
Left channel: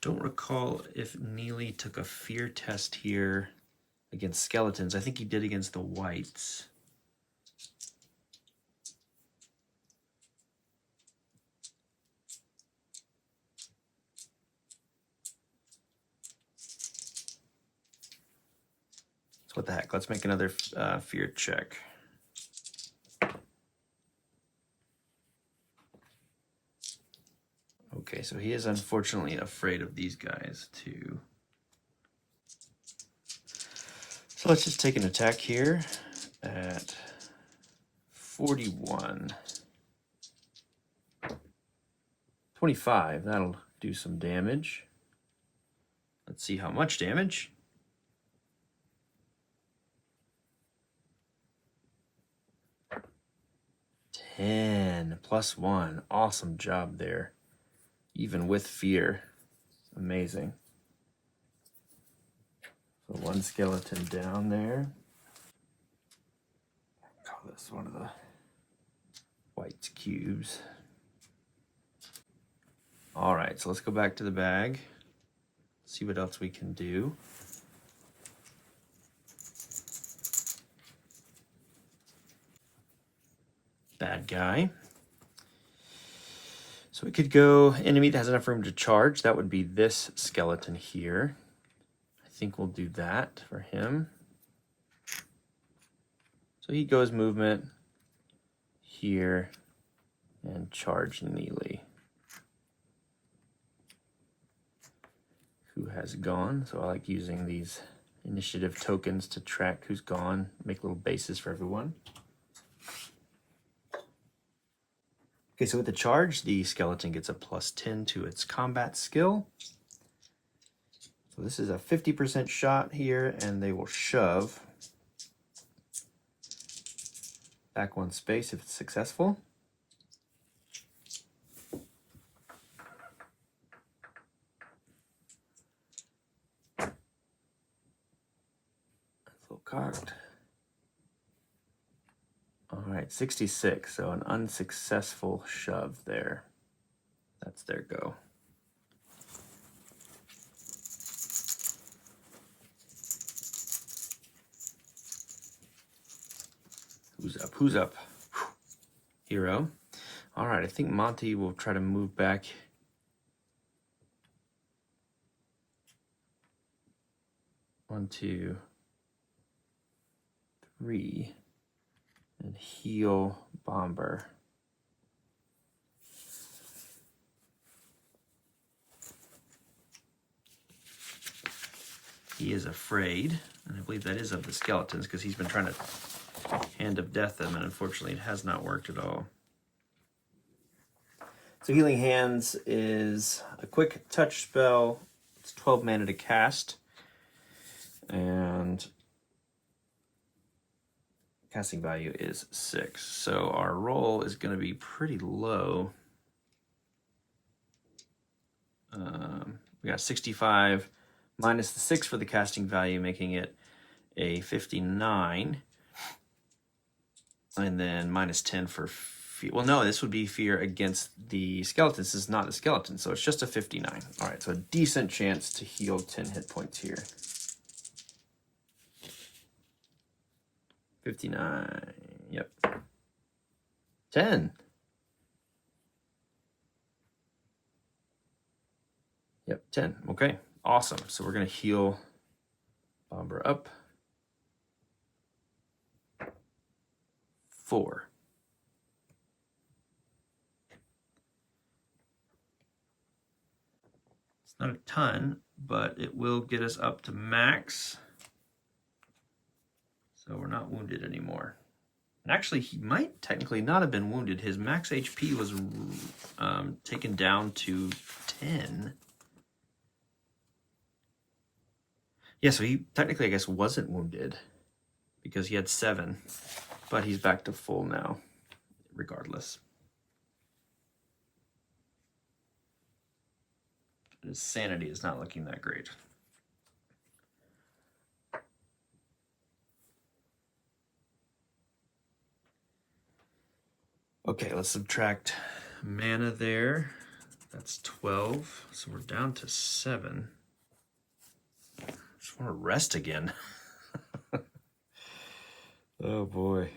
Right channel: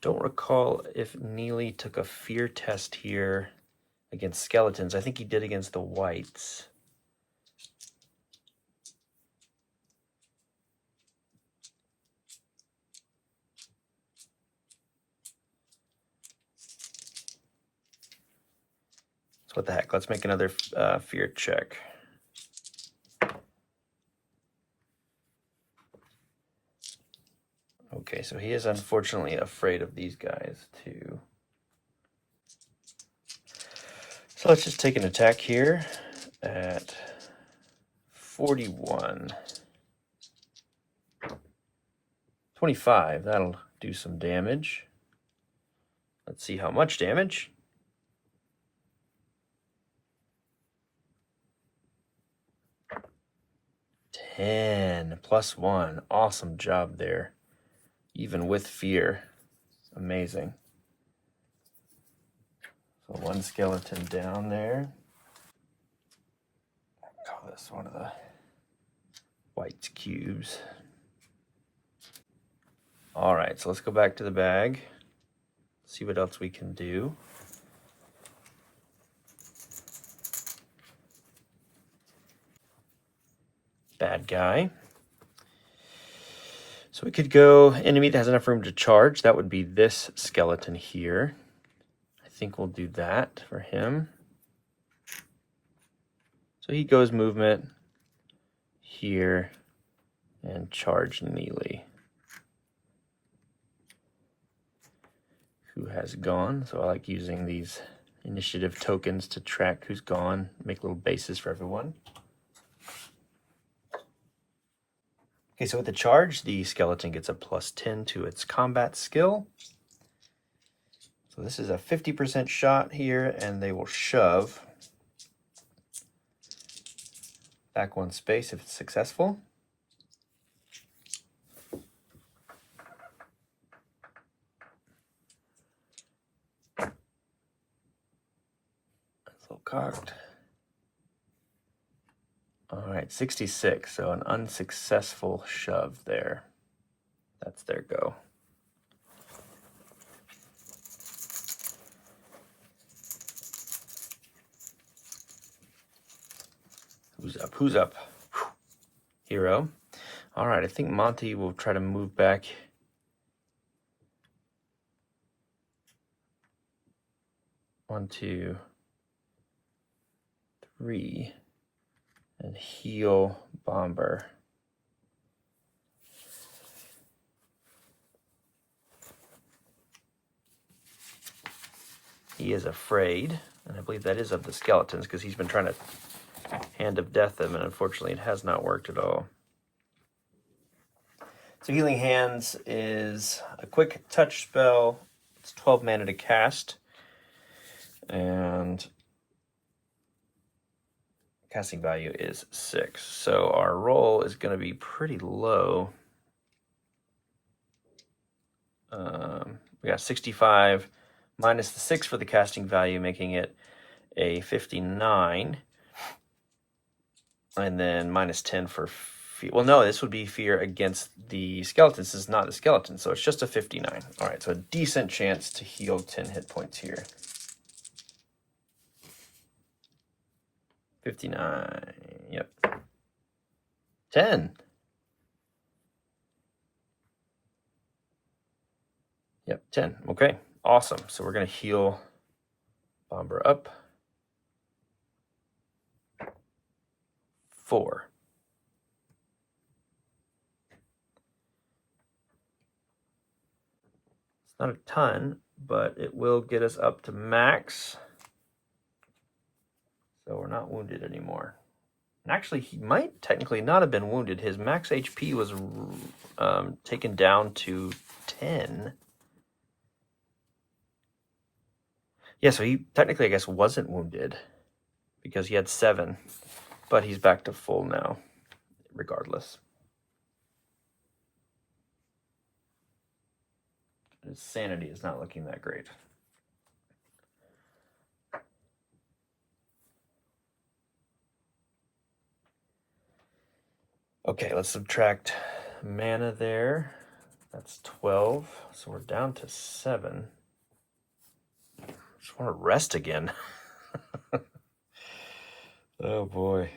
Don't recall if Neely took a fear test here against skeletons. I think he did against the Wights. So what the heck? Let's make another fear check. Okay, so he is unfortunately afraid of these guys too. So let's just take an attack here at 41. 25, that'll do some damage. Let's see how much damage. 10 plus 1. Awesome job there. Even with fear. Amazing. So one skeleton down there. Call this one of the Wight cubes. All right, so let's go back to the bag. See what else we can do. Bad guy. So we could go enemy that has enough room to charge. That would be this skeleton here. I think we'll do that for him. So he goes movement here and charge Neely, who has gone. So I like using these initiative tokens to track who's gone, make little bases for everyone. Okay, so with the charge, the skeleton gets a +10 to its combat skill. So this is a 50% shot here, and they will shove back one space if it's successful. That's a little card. All right, 66, so an unsuccessful shove there. That's their go. Who's up? Who's up? Hero. All right, I think Monty will try to move back. One, two, three. And heal Bomber. He is afraid, and I believe that is of the skeletons because he's been trying to Hand of Death them, and unfortunately it has not worked at all. So Healing Hands is a quick touch spell. It's 12 mana to cast, and casting value is 6. So our roll is going to be pretty low. We got 65 minus the 6 for the casting value, making it a 59. And then minus 10 for fear. Well, no, this would be fear against the skeletons. This is not the skeleton, so it's just a 59. All right, so a decent chance to heal 10 hit points here. 59, yep. 10. Yep, 10, okay, awesome. So we're gonna heal Bomber up. 4. It's not a ton, but it will get us up to max. So we're not wounded anymore. And actually, he might technically not have been wounded. His max HP was taken down to 10. Yeah, so he technically, I guess, wasn't wounded because he had 7. But he's back to full now, regardless. His sanity is not looking that great. Okay, let's subtract mana there. That's 12, so we're down to 7. Just want to rest again. Oh boy.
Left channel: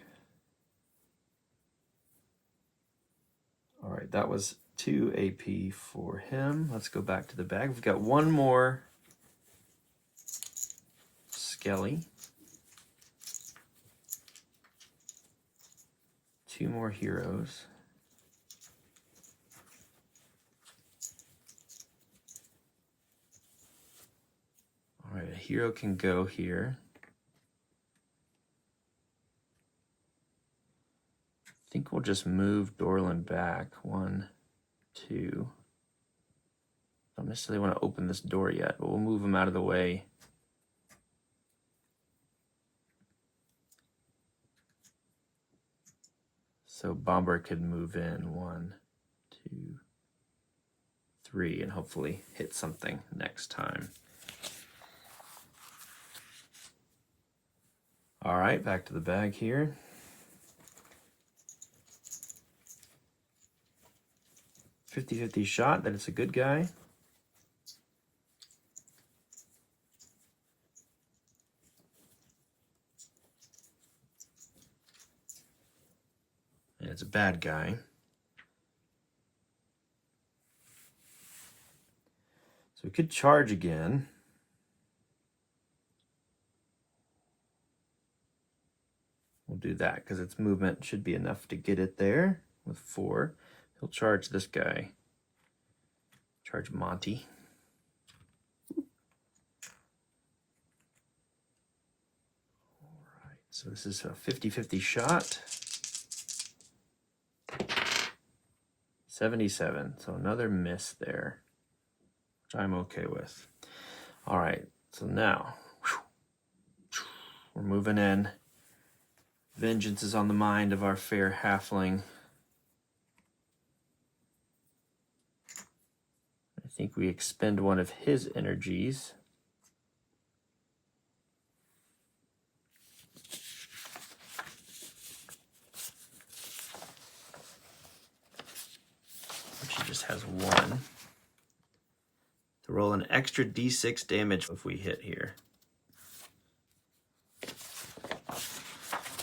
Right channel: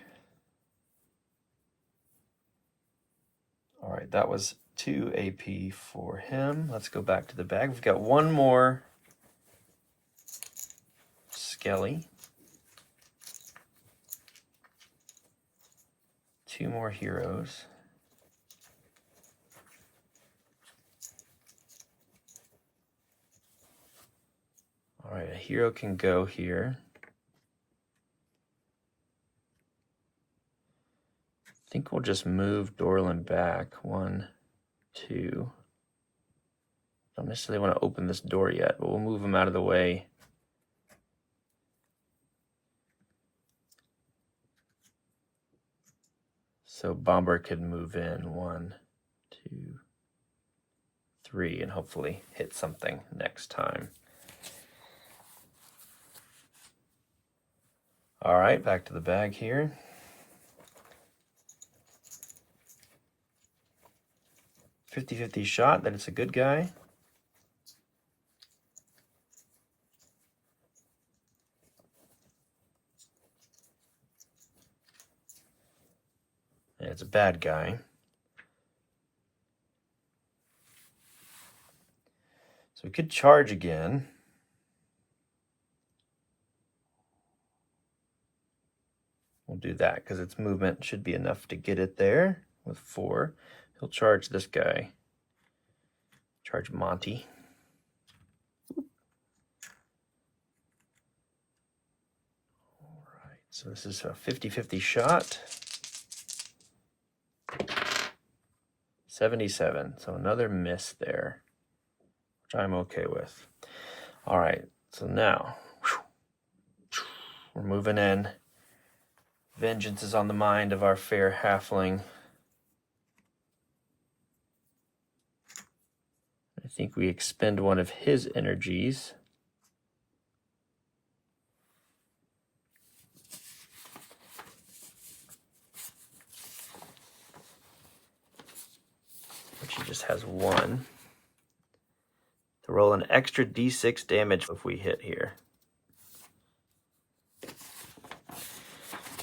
All right, that was 2 AP for him. Let's go back to the bag. We've got one more Skelly. 2 more heroes. All right, a hero can go here. I think we'll just move Dorlin back. 1, 2. Don't necessarily want to open this door yet, but we'll move him out of the way. So Bomber can move in 1, 2, 3, and hopefully hit something next time. All right, back to the bag here. .50-50 shot, then it's a good guy. And it's a bad guy. So we could charge again. We'll do that because its movement should be enough to get it there with 4. He'll charge this guy. Charge Monty. All right, so this is a 50-50 shot. 77, so another miss there, which I'm okay with. All right, so now we're moving in. Vengeance is on the mind of our fair halfling. I think we expend one of his energies. Which he just has 1. To roll an extra d6 damage if we hit here.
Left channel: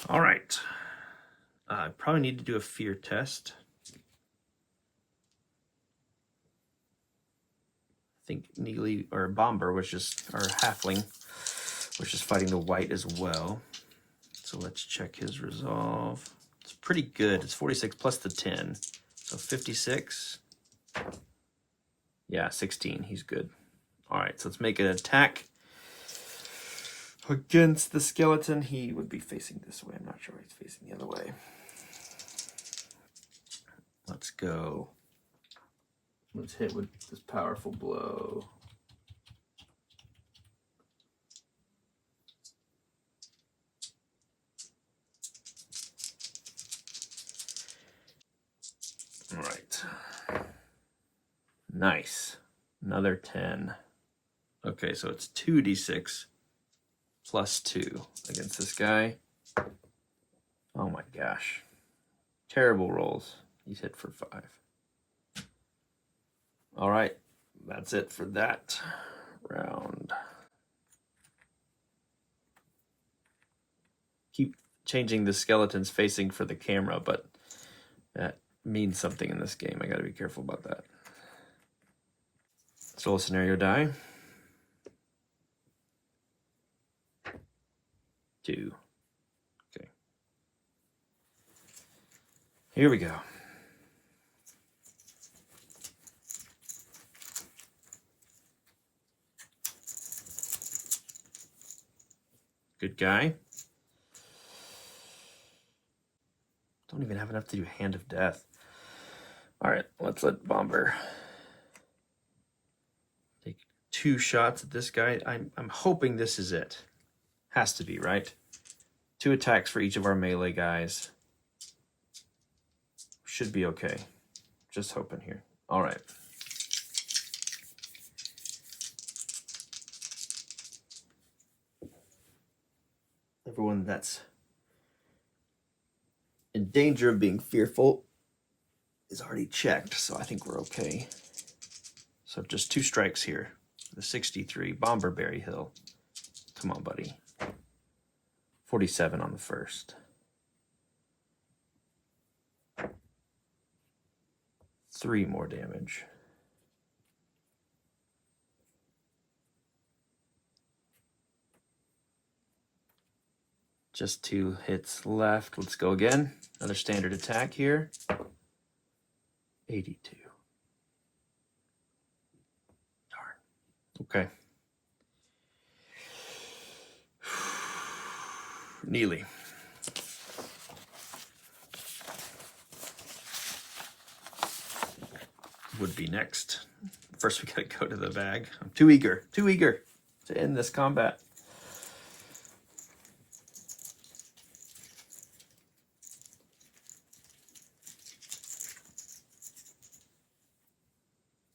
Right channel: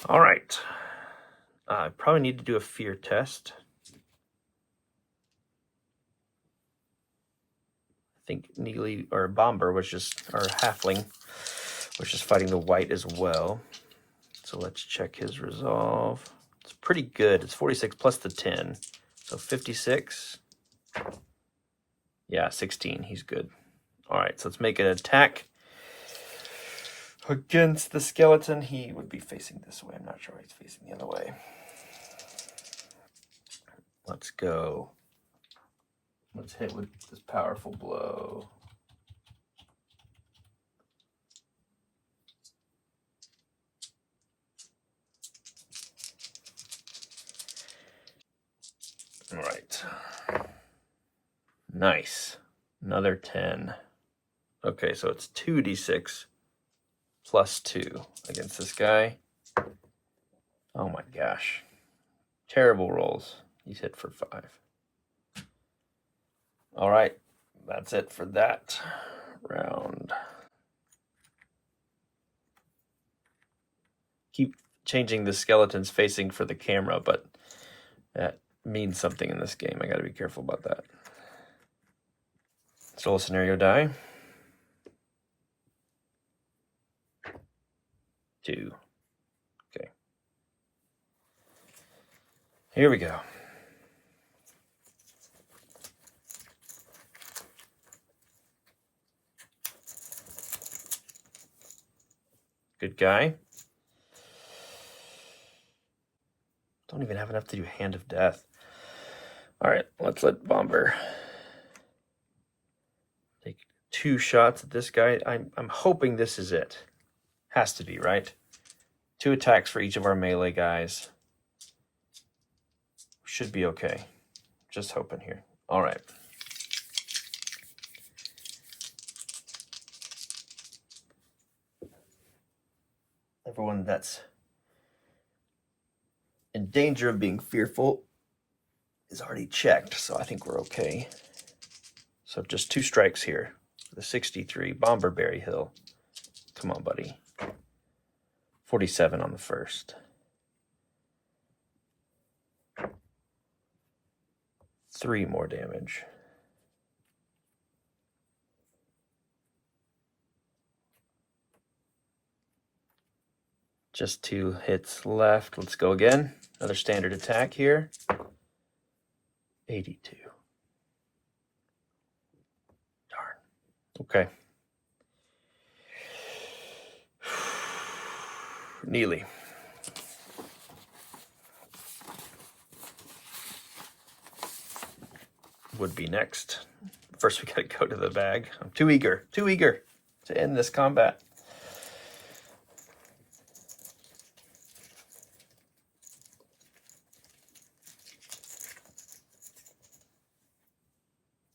All right. I probably need to do a fear test. I think Neely or Bomber was just, or Halfling was just fighting the Wight as well. So let's check his resolve. It's pretty good. It's 46 plus the 10. So 56. Yeah, 16. He's good. All right, so let's make an attack against the skeleton. He would be facing this way. I'm not sure he's facing the other way. Let's go. Let's hit with this powerful blow. All right. Nice. Another 10. Okay, so it's 2d6 plus 2 against this guy. Oh my gosh. Terrible rolls. He's hit for 5. All right, that's it for that round. Keep changing the skeletons facing for the camera, but that means something in this game. I gotta be careful about that. Let's roll a scenario die. 2. Okay. Here we go. Good guy. Don't even have enough to do Hand of Death. All right, let's let Bomber take 2 shots at this guy. I'm hoping this is it. Has to be, right? 2 attacks for each of our melee guys. Should be okay. Just hoping here. All right. Everyone that's in danger of being fearful is already checked, so I think we're okay. So just 2 strikes here. The 63, Bomber Berry Hill. Come on, buddy. 47 on the first. 3 more damage. Just 2 hits left. Let's go again. Another standard attack here. 82. Darn. Okay. Neely. Would be next. First, we gotta go to the bag. I'm too eager to end this combat.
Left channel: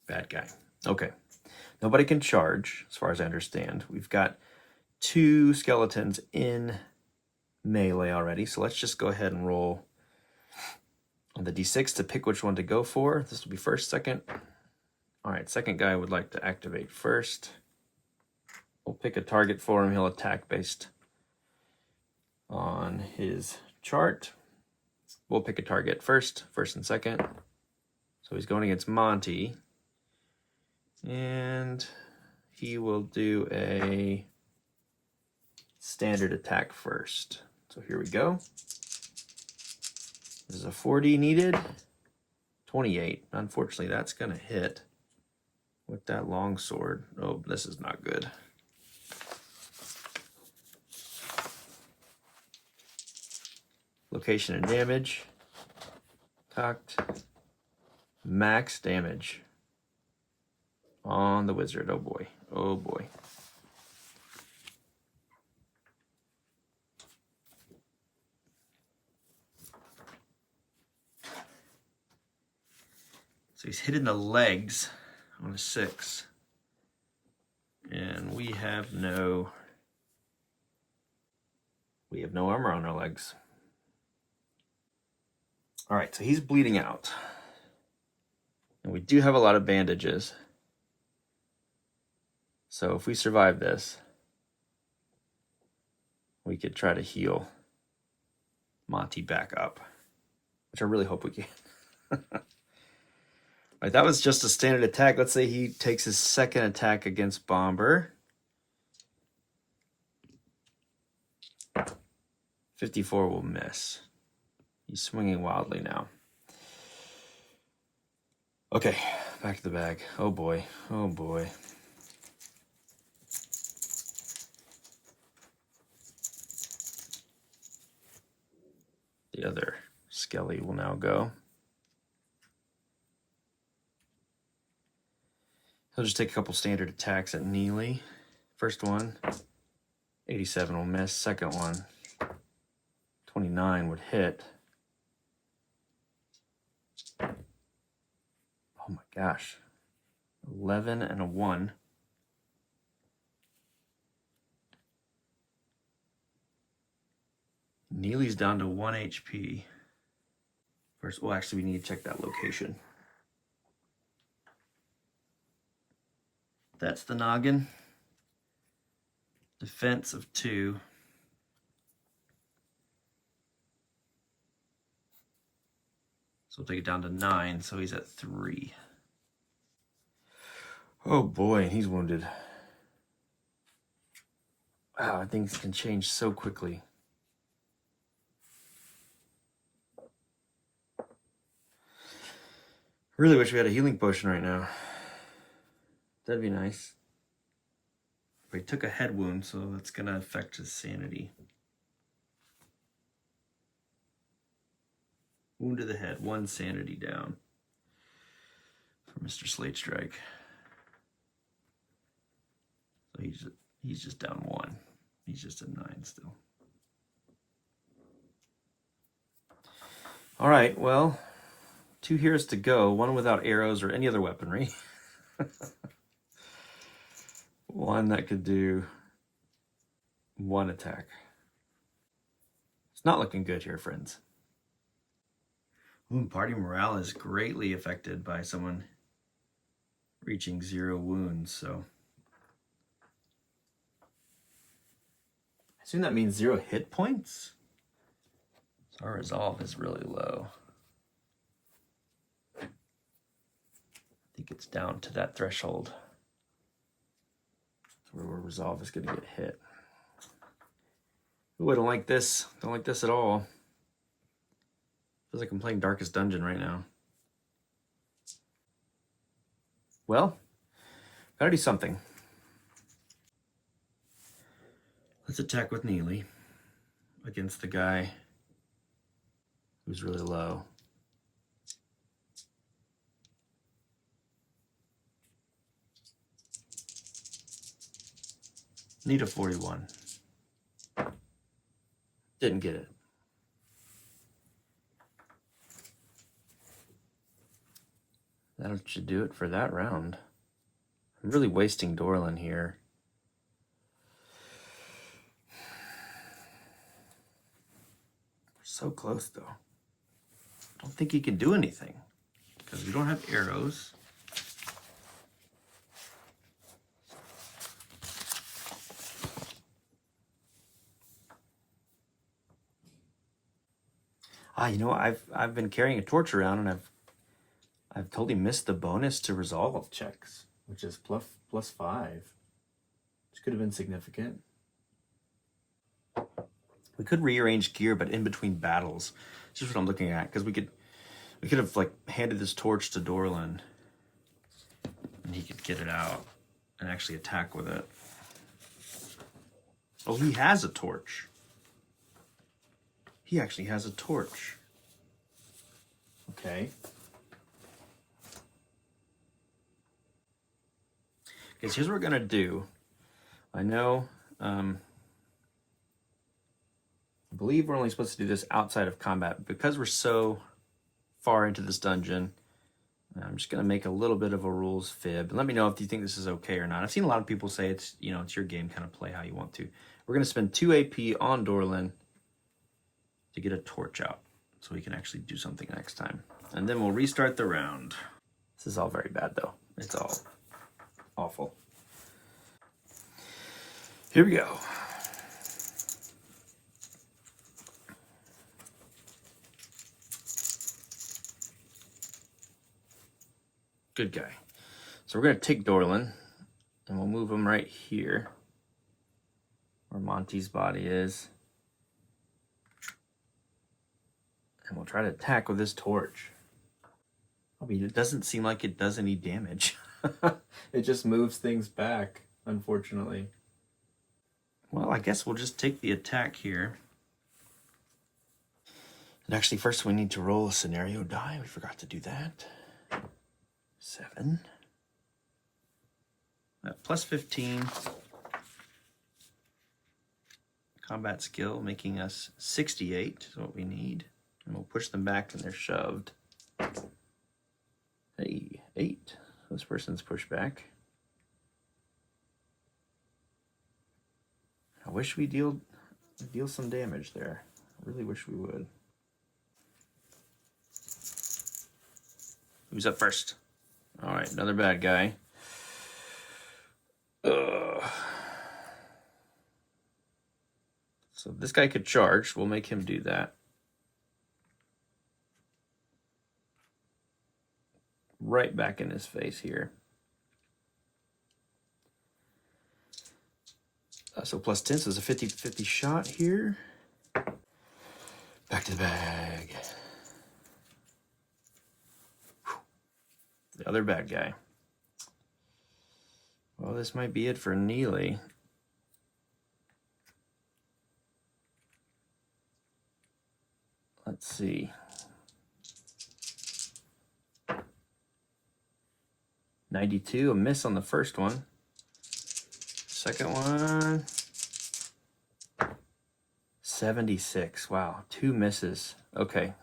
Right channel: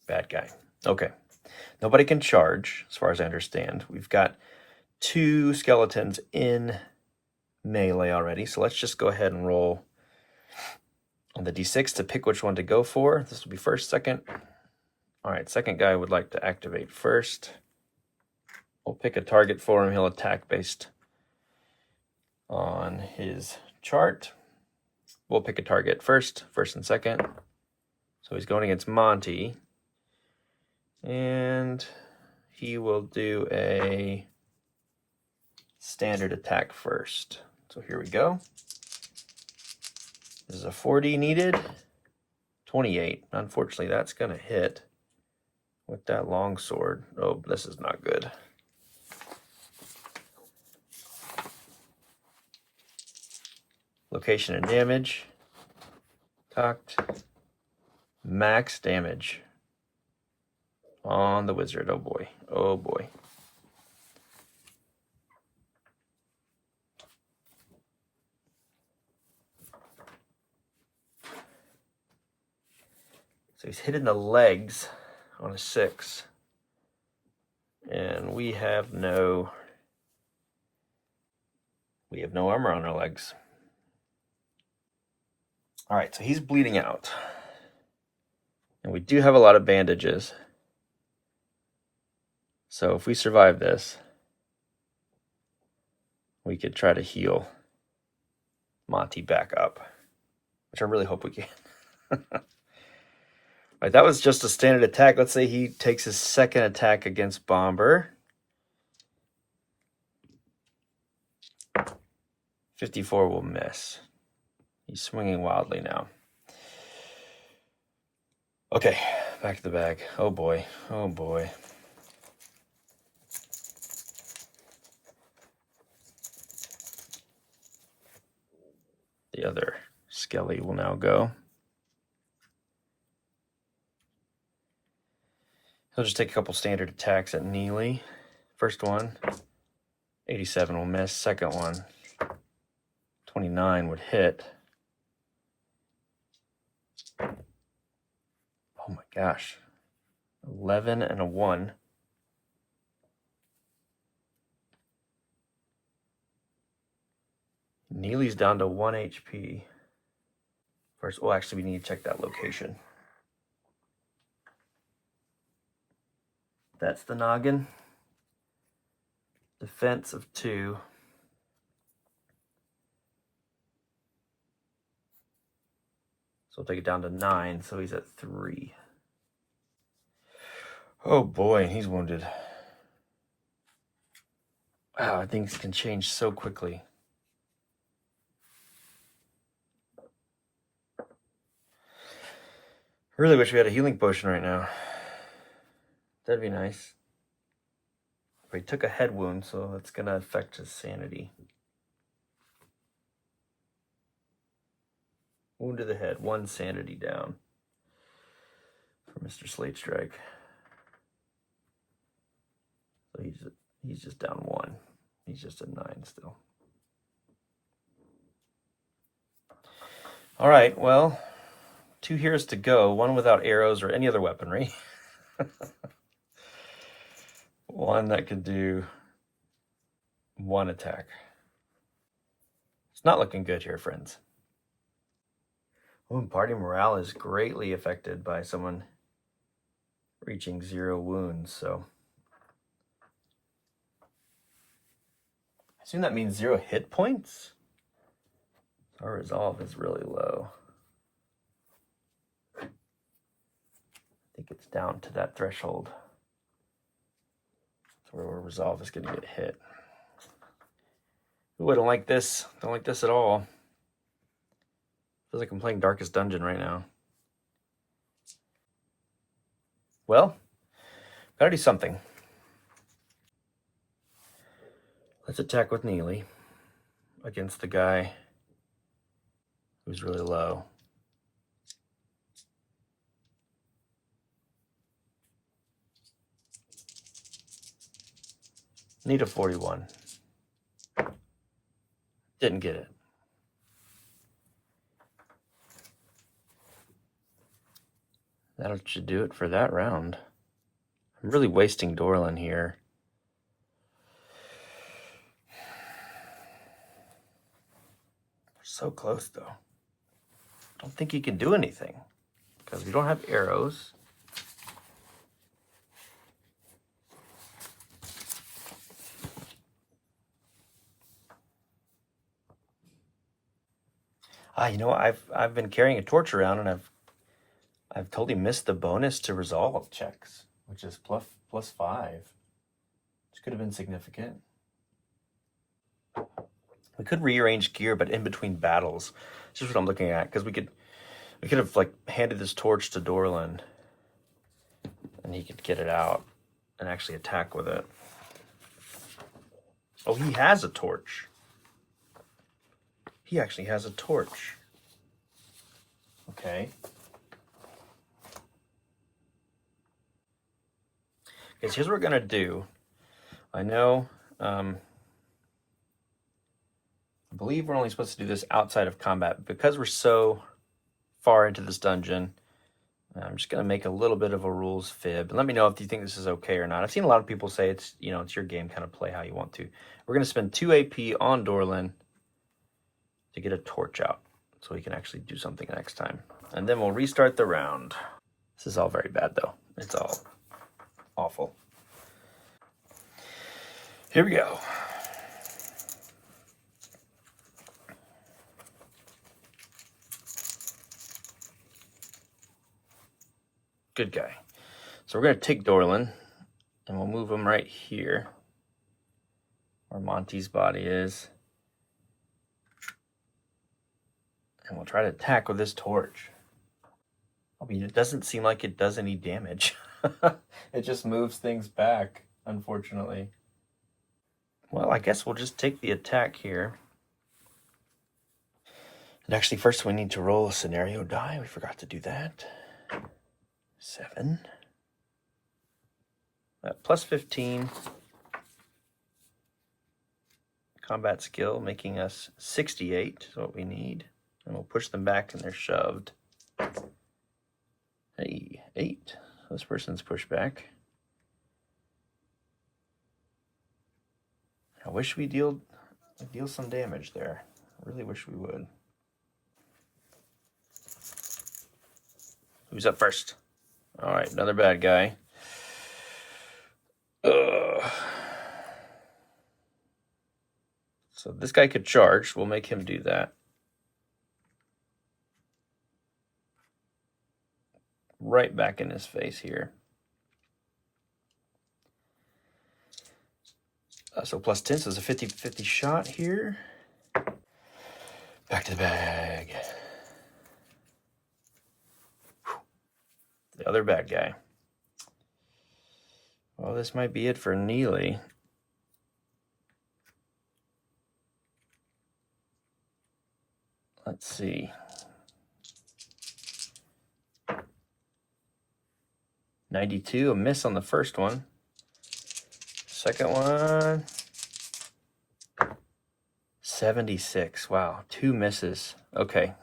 Bad guy. Okay. Nobody can charge, as far as I understand. We've got 2 skeletons in melee already, so let's just go ahead and roll on the d6 to pick which one to go for. This will be first, second. All right, second guy would like to activate first. We'll pick a target for him. He'll attack based on his chart. We'll pick a target first and second. So he's going against Monty. And he will do a standard attack first. So here we go. This is a 40 needed. 28. Unfortunately, that's going to hit with that long sword. Oh, this is not good. Location and damage. Cocked. Max damage on the wizard. Oh boy. Oh boy. So he's hitting the legs on a 6. And we have no armor on our legs. All right, so he's bleeding out. And we do have a lot of bandages. So if we survive this, we could try to heal Monty back up, which I really hope we can. All right, that was just a standard attack. Let's say he takes his second attack against Bomber. 54 will miss. He's swinging wildly now. Okay, back to the bag. Oh boy, oh boy. The other Skelly will now go. He'll just take a couple standard attacks at Neely. First one, 87 will miss. Second one, 29 would hit. Oh my gosh. 11 and a 1. Neely's down to 1 HP. First, well, actually, we need to check that location. That's the noggin. Defense of 2. So we'll take it down to 9, so he's at 3. Oh boy, he's wounded. Wow, things can change so quickly. I really wish we had a healing potion right now. That'd be nice. But he took a head wound, so that's going to affect his sanity. Wound to the head, 1 sanity down for Mr. Slate Strike. So he's just down 1. He's just at 9 still. All right, well, 2 heroes to go, 1 without arrows or any other weaponry. 1 that could do 1 attack. It's not looking good here, friends. Ooh, party morale is greatly affected by someone reaching 0 wounds, so I assume that means 0 hit points. So our resolve is really low. I think it's down to that threshold. So where resolve is going to get hit. Ooh, I don't like this. Don't like this at all. Feels like I'm playing Darkest Dungeon right now. Well, gotta do something. Let's attack with Neely against the guy who's really low. Need a 41. Didn't get it. That should do it for that round. I'm really wasting Dorlin here. So close, though. Don't think he can do anything because we don't have arrows. You know, I've been carrying a torch around, and I've totally missed the bonus to resolve checks, which is plus 5, which could have been significant. We could rearrange gear, but in between battles. This is what I'm looking at, because we could have like handed this torch to Dorlin, and he could get it out and actually attack with it. Oh, he has a torch. He actually has a torch. Okay. Okay, so here's what we're gonna do. I know, I believe we're only supposed to do this outside of combat. Because we're so far into this dungeon, I'm just gonna make a little bit of a rules fib. And let me know if you think this is okay or not. I've seen a lot of people say it's your game, kind of play how you want to. We're gonna spend 2 AP on Dorlin to get a torch out so we can actually do something next time. And then we'll restart the round. This is all very bad though. It's all awful. Here we go. Good guy. So we're gonna take Dorlin and we'll move him right here where Monty's body is. And we'll try to attack with this torch. I mean, it doesn't seem like it does any damage. It just moves things back, unfortunately. Well, I guess we'll just take the attack here. And actually, first we need to roll a scenario die. We forgot to do that. 7. Plus 15. Combat skill, making us 68 is what we need. And we'll push them back and they're shoved. Hey, 8. This person's pushed back. I wish we deal some damage there. I really wish we would. Who's up first? All right, another bad guy. So this guy could charge. We'll make him do that. Right back in his face here. So plus 10, so it's a 50-50 shot here. Back to the bag. The other bad guy. Well, this might be it for Neely. Let's see. 92, a miss on the first one. Second one, 76. Wow, 2 misses. Okay.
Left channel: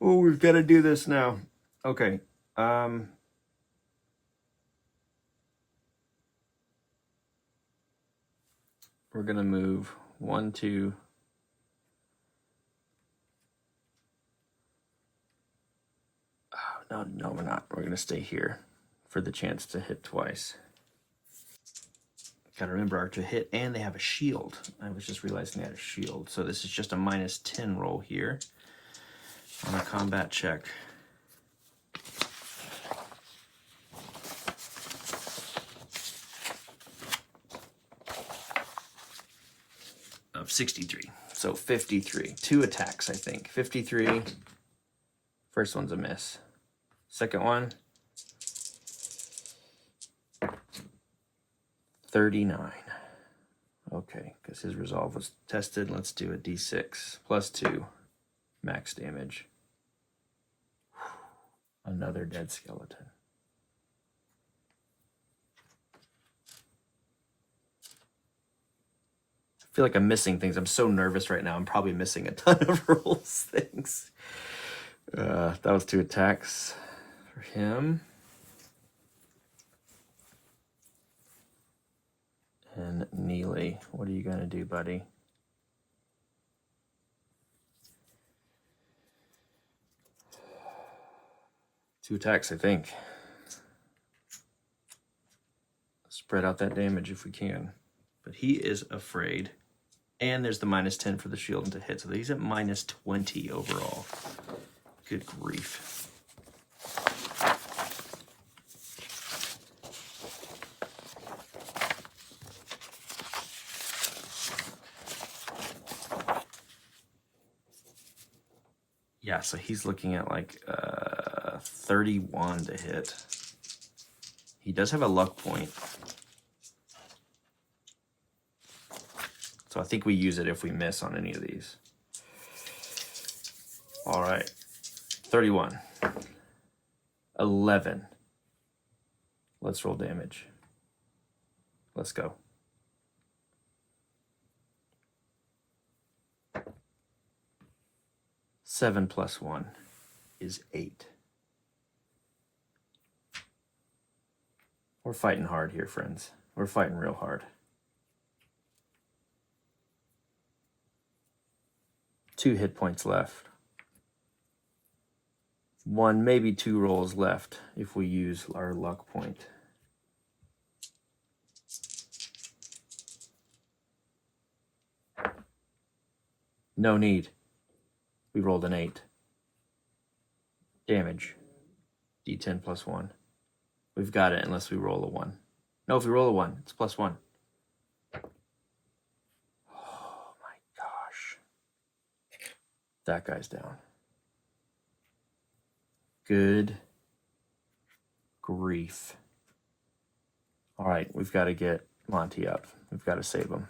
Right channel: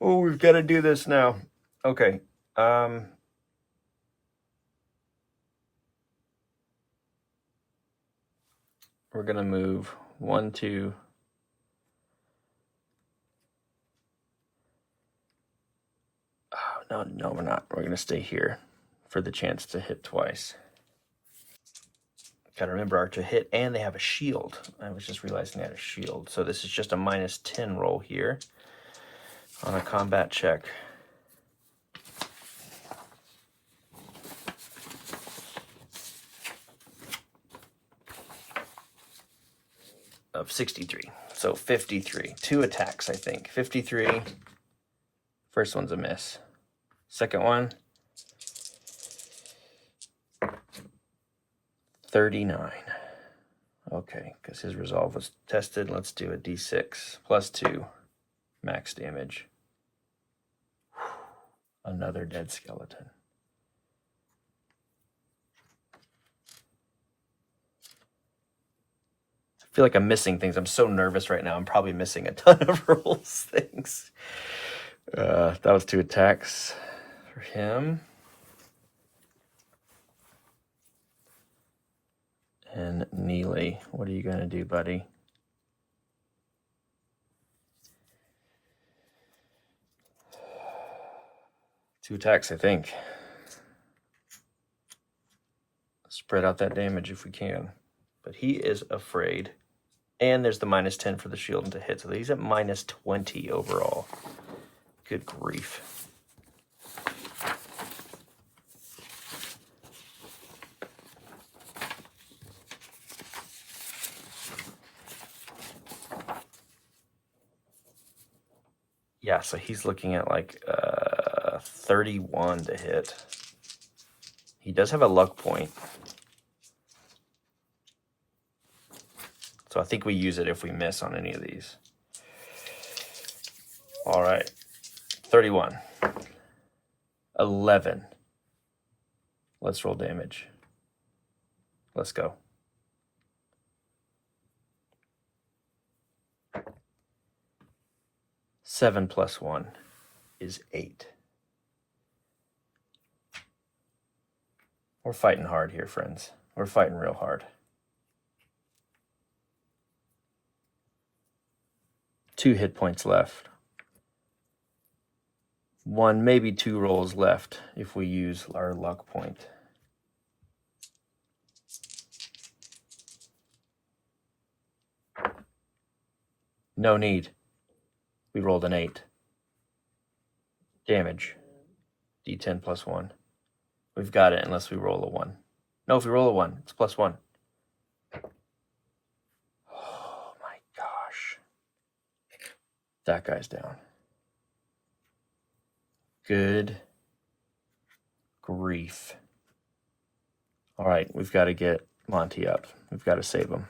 Oh, we've got to do this now. Okay. We're going to move 1, 2. Oh, no, we're not. We're going to stay here for the chance to hit twice. Gotta remember Archer hit, and they have a shield. I was just realizing they had a shield. So this is just a -10 roll here on a combat check. Of 63. So 53. 2 attacks, I think. 53. First one's a miss. Second one, 39. Okay, because his resolve was tested. Let's do a d6 plus 2 max damage. Another dead skeleton. I feel like I'm missing things. I'm so nervous right now. I'm probably missing a ton of rolls things. That was 2 attacks for him. And Neely, what are you going to do, buddy? Two attacks, I think. Spread out that damage if we can. But he is afraid. And there's the -10 for the shield and to hit. So he's at -20 overall. Good grief. Yeah, so he's looking at like 31 to hit. He does have a luck point. So I think we use it if we miss on any of these. All right, 31. 11. Let's roll damage. Let's go. Seven plus 1 is 8. We're fighting hard here, friends. We're fighting real hard. 2 hit points left. 1, maybe 2 rolls left if we use our luck point. No need. We rolled an 8. Damage. D10 plus 1. We've got it unless we roll a 1. No, if we roll a 1, it's plus 1. Oh my gosh. That guy's down. Good grief. All right, we've got to get Monty up. We've got to save him.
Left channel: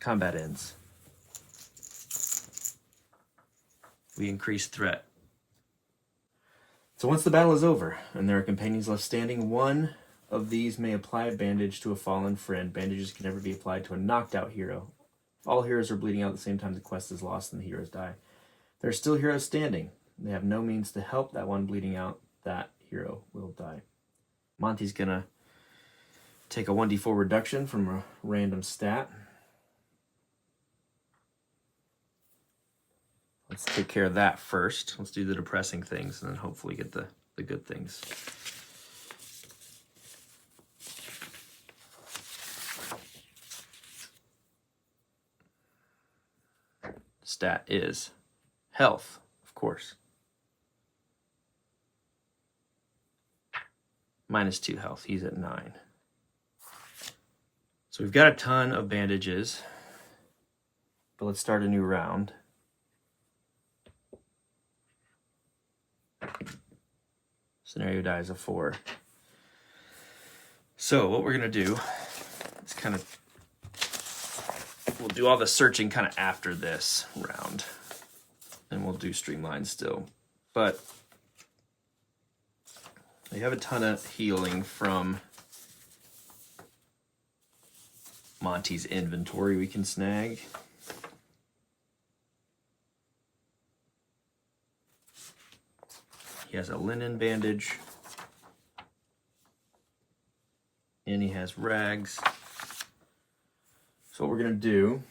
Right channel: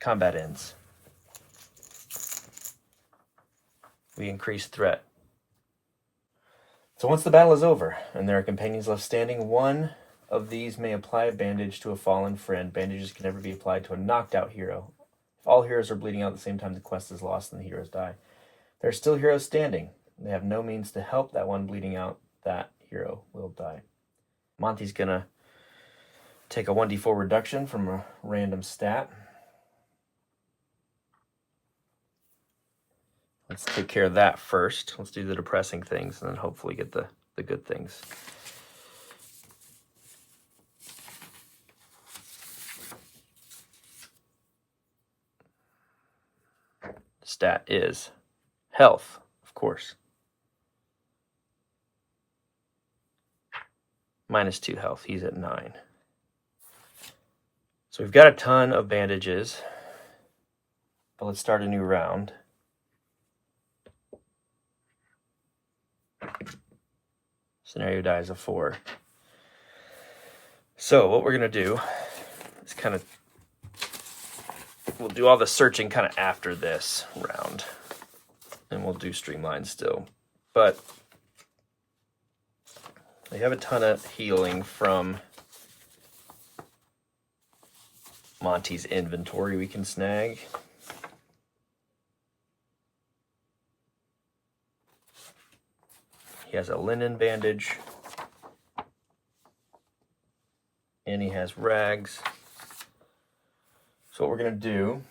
Combat ends. We increase threat. So once the battle is over and there are companions left standing, one of these may apply a bandage to a fallen friend. Bandages can never be applied to a knocked out hero. If all heroes are bleeding out at the same time, the quest is lost and the heroes die. There are still heroes standing. They have no means to help that one bleeding out. That hero will die. Monty's gonna take a 1d4 reduction from a random stat. Let's take care of that first. Let's do the depressing things and then hopefully get the good things. Stat is health, of course. -2 health. He's at 9. So we've got a ton of bandages, but let's start a new round. Scenario dies a 4. So what we're going to do is kind of, we'll we'll do all the searching kind of after this round. And we'll do streamline still. But we have a ton of healing from Monty's inventory we can snag. He has a linen bandage. And he has rags. So what we're going to do,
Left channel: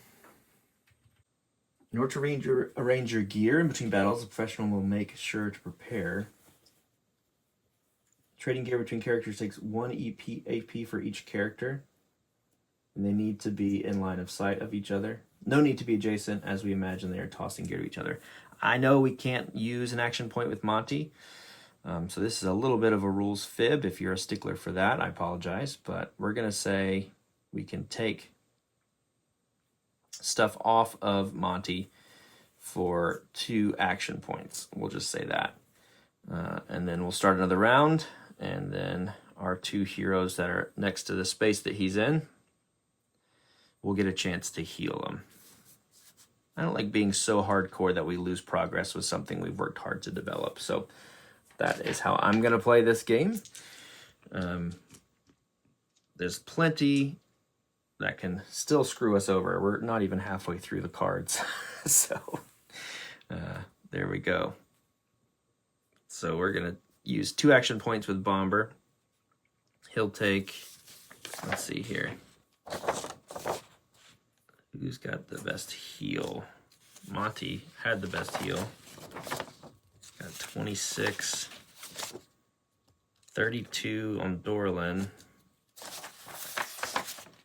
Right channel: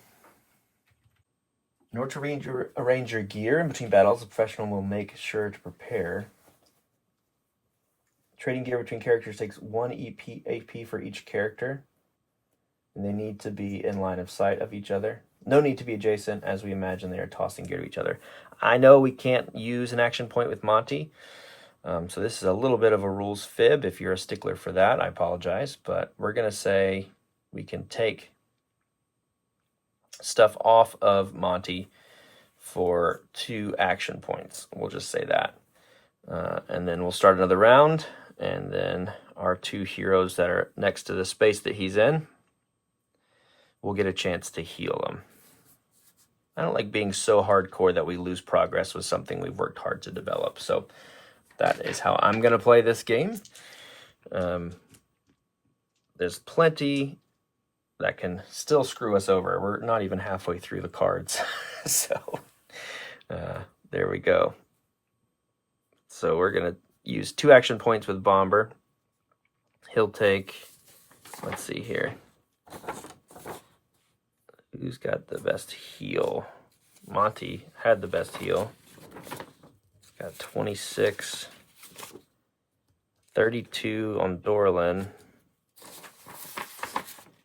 in order to arrange your gear in between battles, a professional will make sure to prepare. Trading gear between characters takes 1 AP for each character. And they need to be in line of sight of each other. No need to be adjacent, as we imagine they are tossing gear to each other. I know we can't use an action point with Monty, so this is a little bit of a rules fib. If you're a stickler for that, I apologize, but we're going to say we can take stuff off of Monty for 2 action points. We'll just say that. And then we'll start another round, and then our 2 heroes that are next to the space that he's in, we'll get a chance to heal him. I don't like being so hardcore that we lose progress with something we've worked hard to develop. So that is how I'm going to play this game. There's plenty that can still screw us over. We're not even halfway through the cards. So there we go. So we're going to use 2 action points with Bomber. He'll take, let's see here. Who's got the best heal? Monty had the best heal. Got 26, 32 on Dorlin.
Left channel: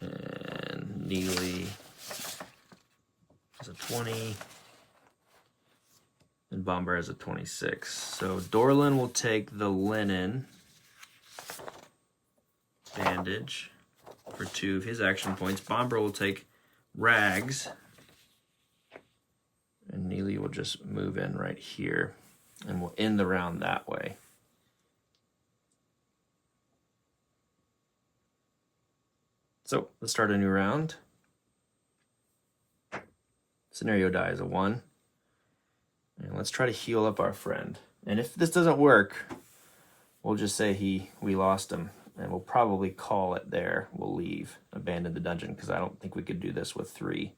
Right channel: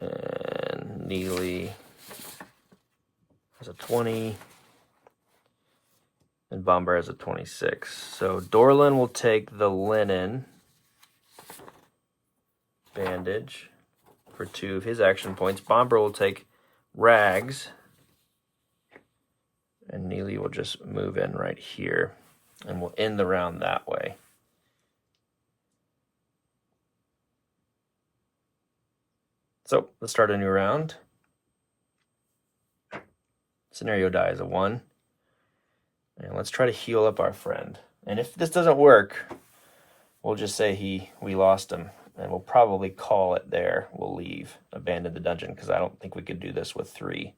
And Neely has a 20. And Bomber has a 26. So Dorlin will take the linen bandage for 2 of his action points. Bomber will take rags. And Neely will just move in right here. And we'll end the round that way. So let's start a new round. Scenario die is a 1. And let's try to heal up our friend. And if this doesn't work, we'll just say we lost him. And we'll probably call it there. We'll leave, abandon the dungeon, because I don't think we could do this with three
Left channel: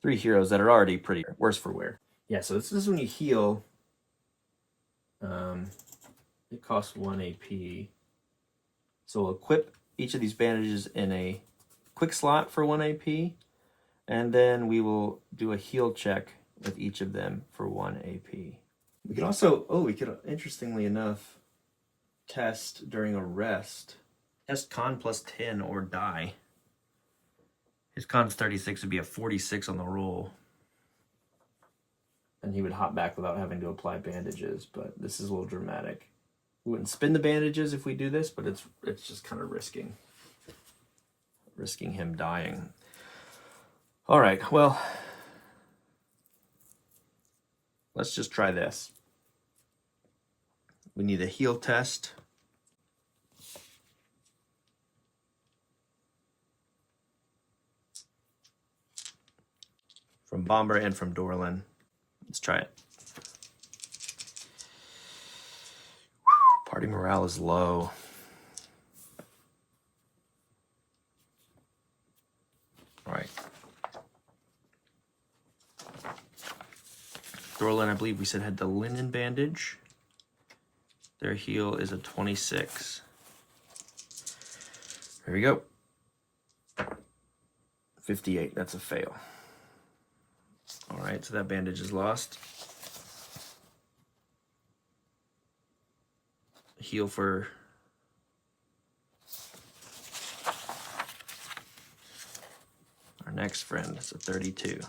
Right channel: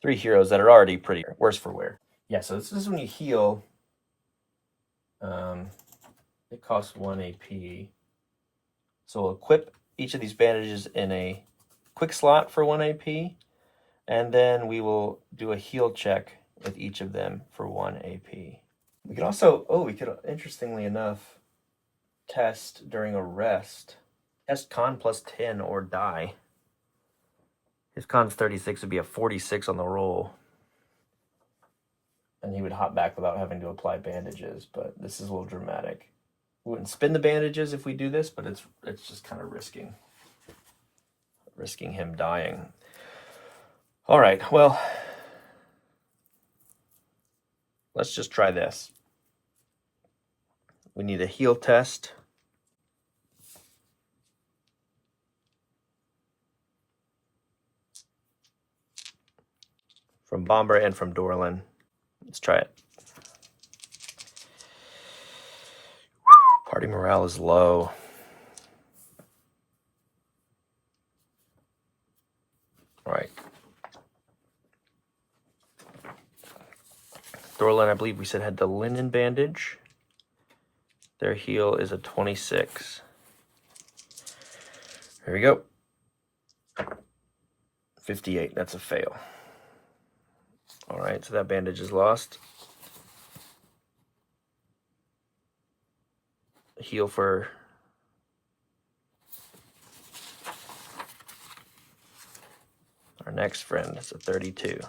heroes that are already pretty worse for wear. Yeah, so this is when you heal. It costs 1 AP. So we'll equip each of these bandages in a quick slot for 1 AP. And then we will do a heal check with each of them for 1 AP. We could also, interestingly enough, test during a rest. Test con plus 10 or die. His con's 36 would be a 46 on the roll. And he would hop back without having to apply bandages, but this is a little dramatic. We wouldn't spin the bandages if we do this, but it's just kind of risking him dying. All right, well, let's just try this. We need a heal test. From Bomber and from Dorlin. Let's try it. Party morale is low. All right. Dorlin, I believe we said, had the linen bandage. Their heal is a 26. There we go. 58, that's a fail. All right, so that bandage is lost. Heal for our next friend. It's a 32.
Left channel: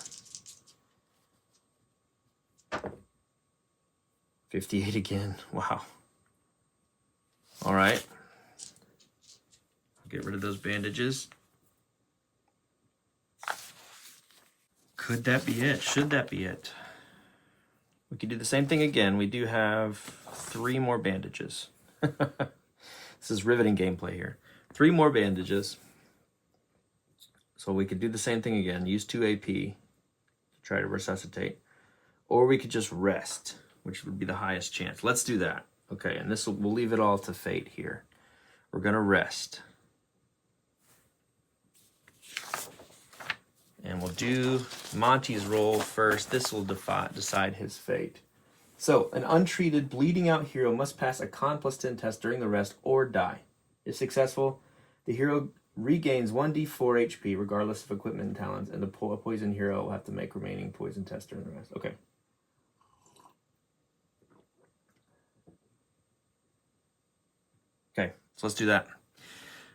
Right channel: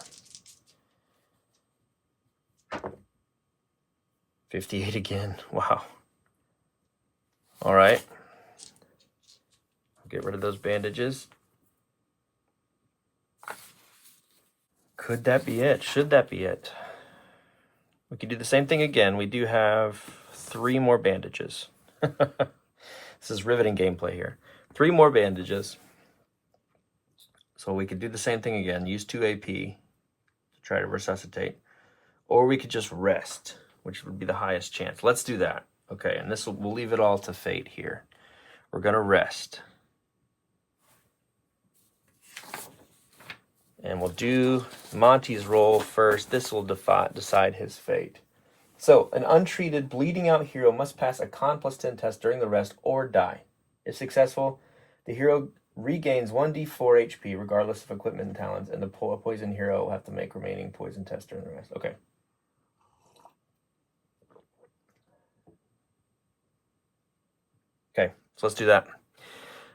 58 again. Wow. All right. Get rid of those bandages. Could that be it? Should that be it? We could do the same thing again. We do have 3 more bandages. This is riveting gameplay here. 3 more bandages. So we could do the same thing again, use 2 AP to try to resuscitate. Or we could just rest, which would be the highest chance. Let's do that. Okay, and we'll leave it all to fate here. We're gonna rest. And we'll do Monty's roll first. This will decide his fate. So, an untreated, bleeding out hero must pass a Con +10 test during the rest or die. If successful, the hero regains 1d4 HP regardless of equipment and talents, and the poison hero will have to make remaining poison tests during the rest. Okay. Okay, so let's do that.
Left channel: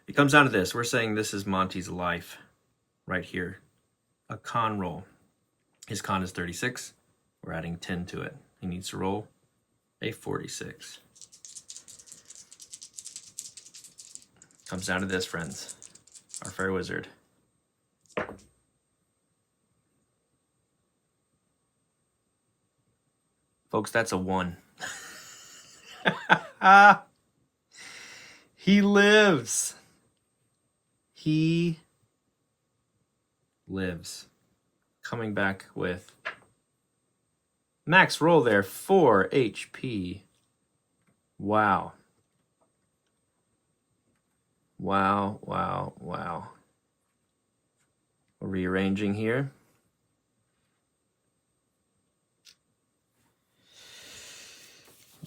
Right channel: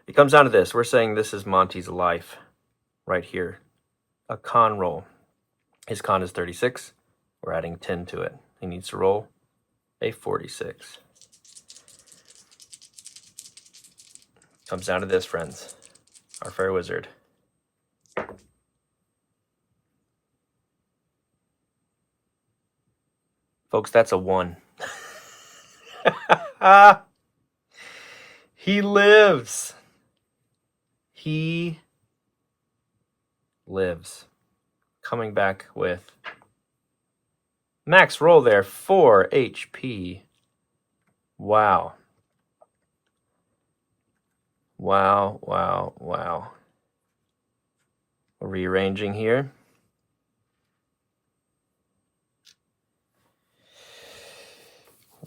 It comes down to this. We're saying this is Monty's life right here. A con roll. His con is 36. We're adding 10 to it. He needs to roll a 46. Comes down to this, friends. Our fair wizard. Folks, that's a 1. He lives. He lives. Coming back with max roll there, 4 HP. Wow. Wow, wow, wow. Rearranging here.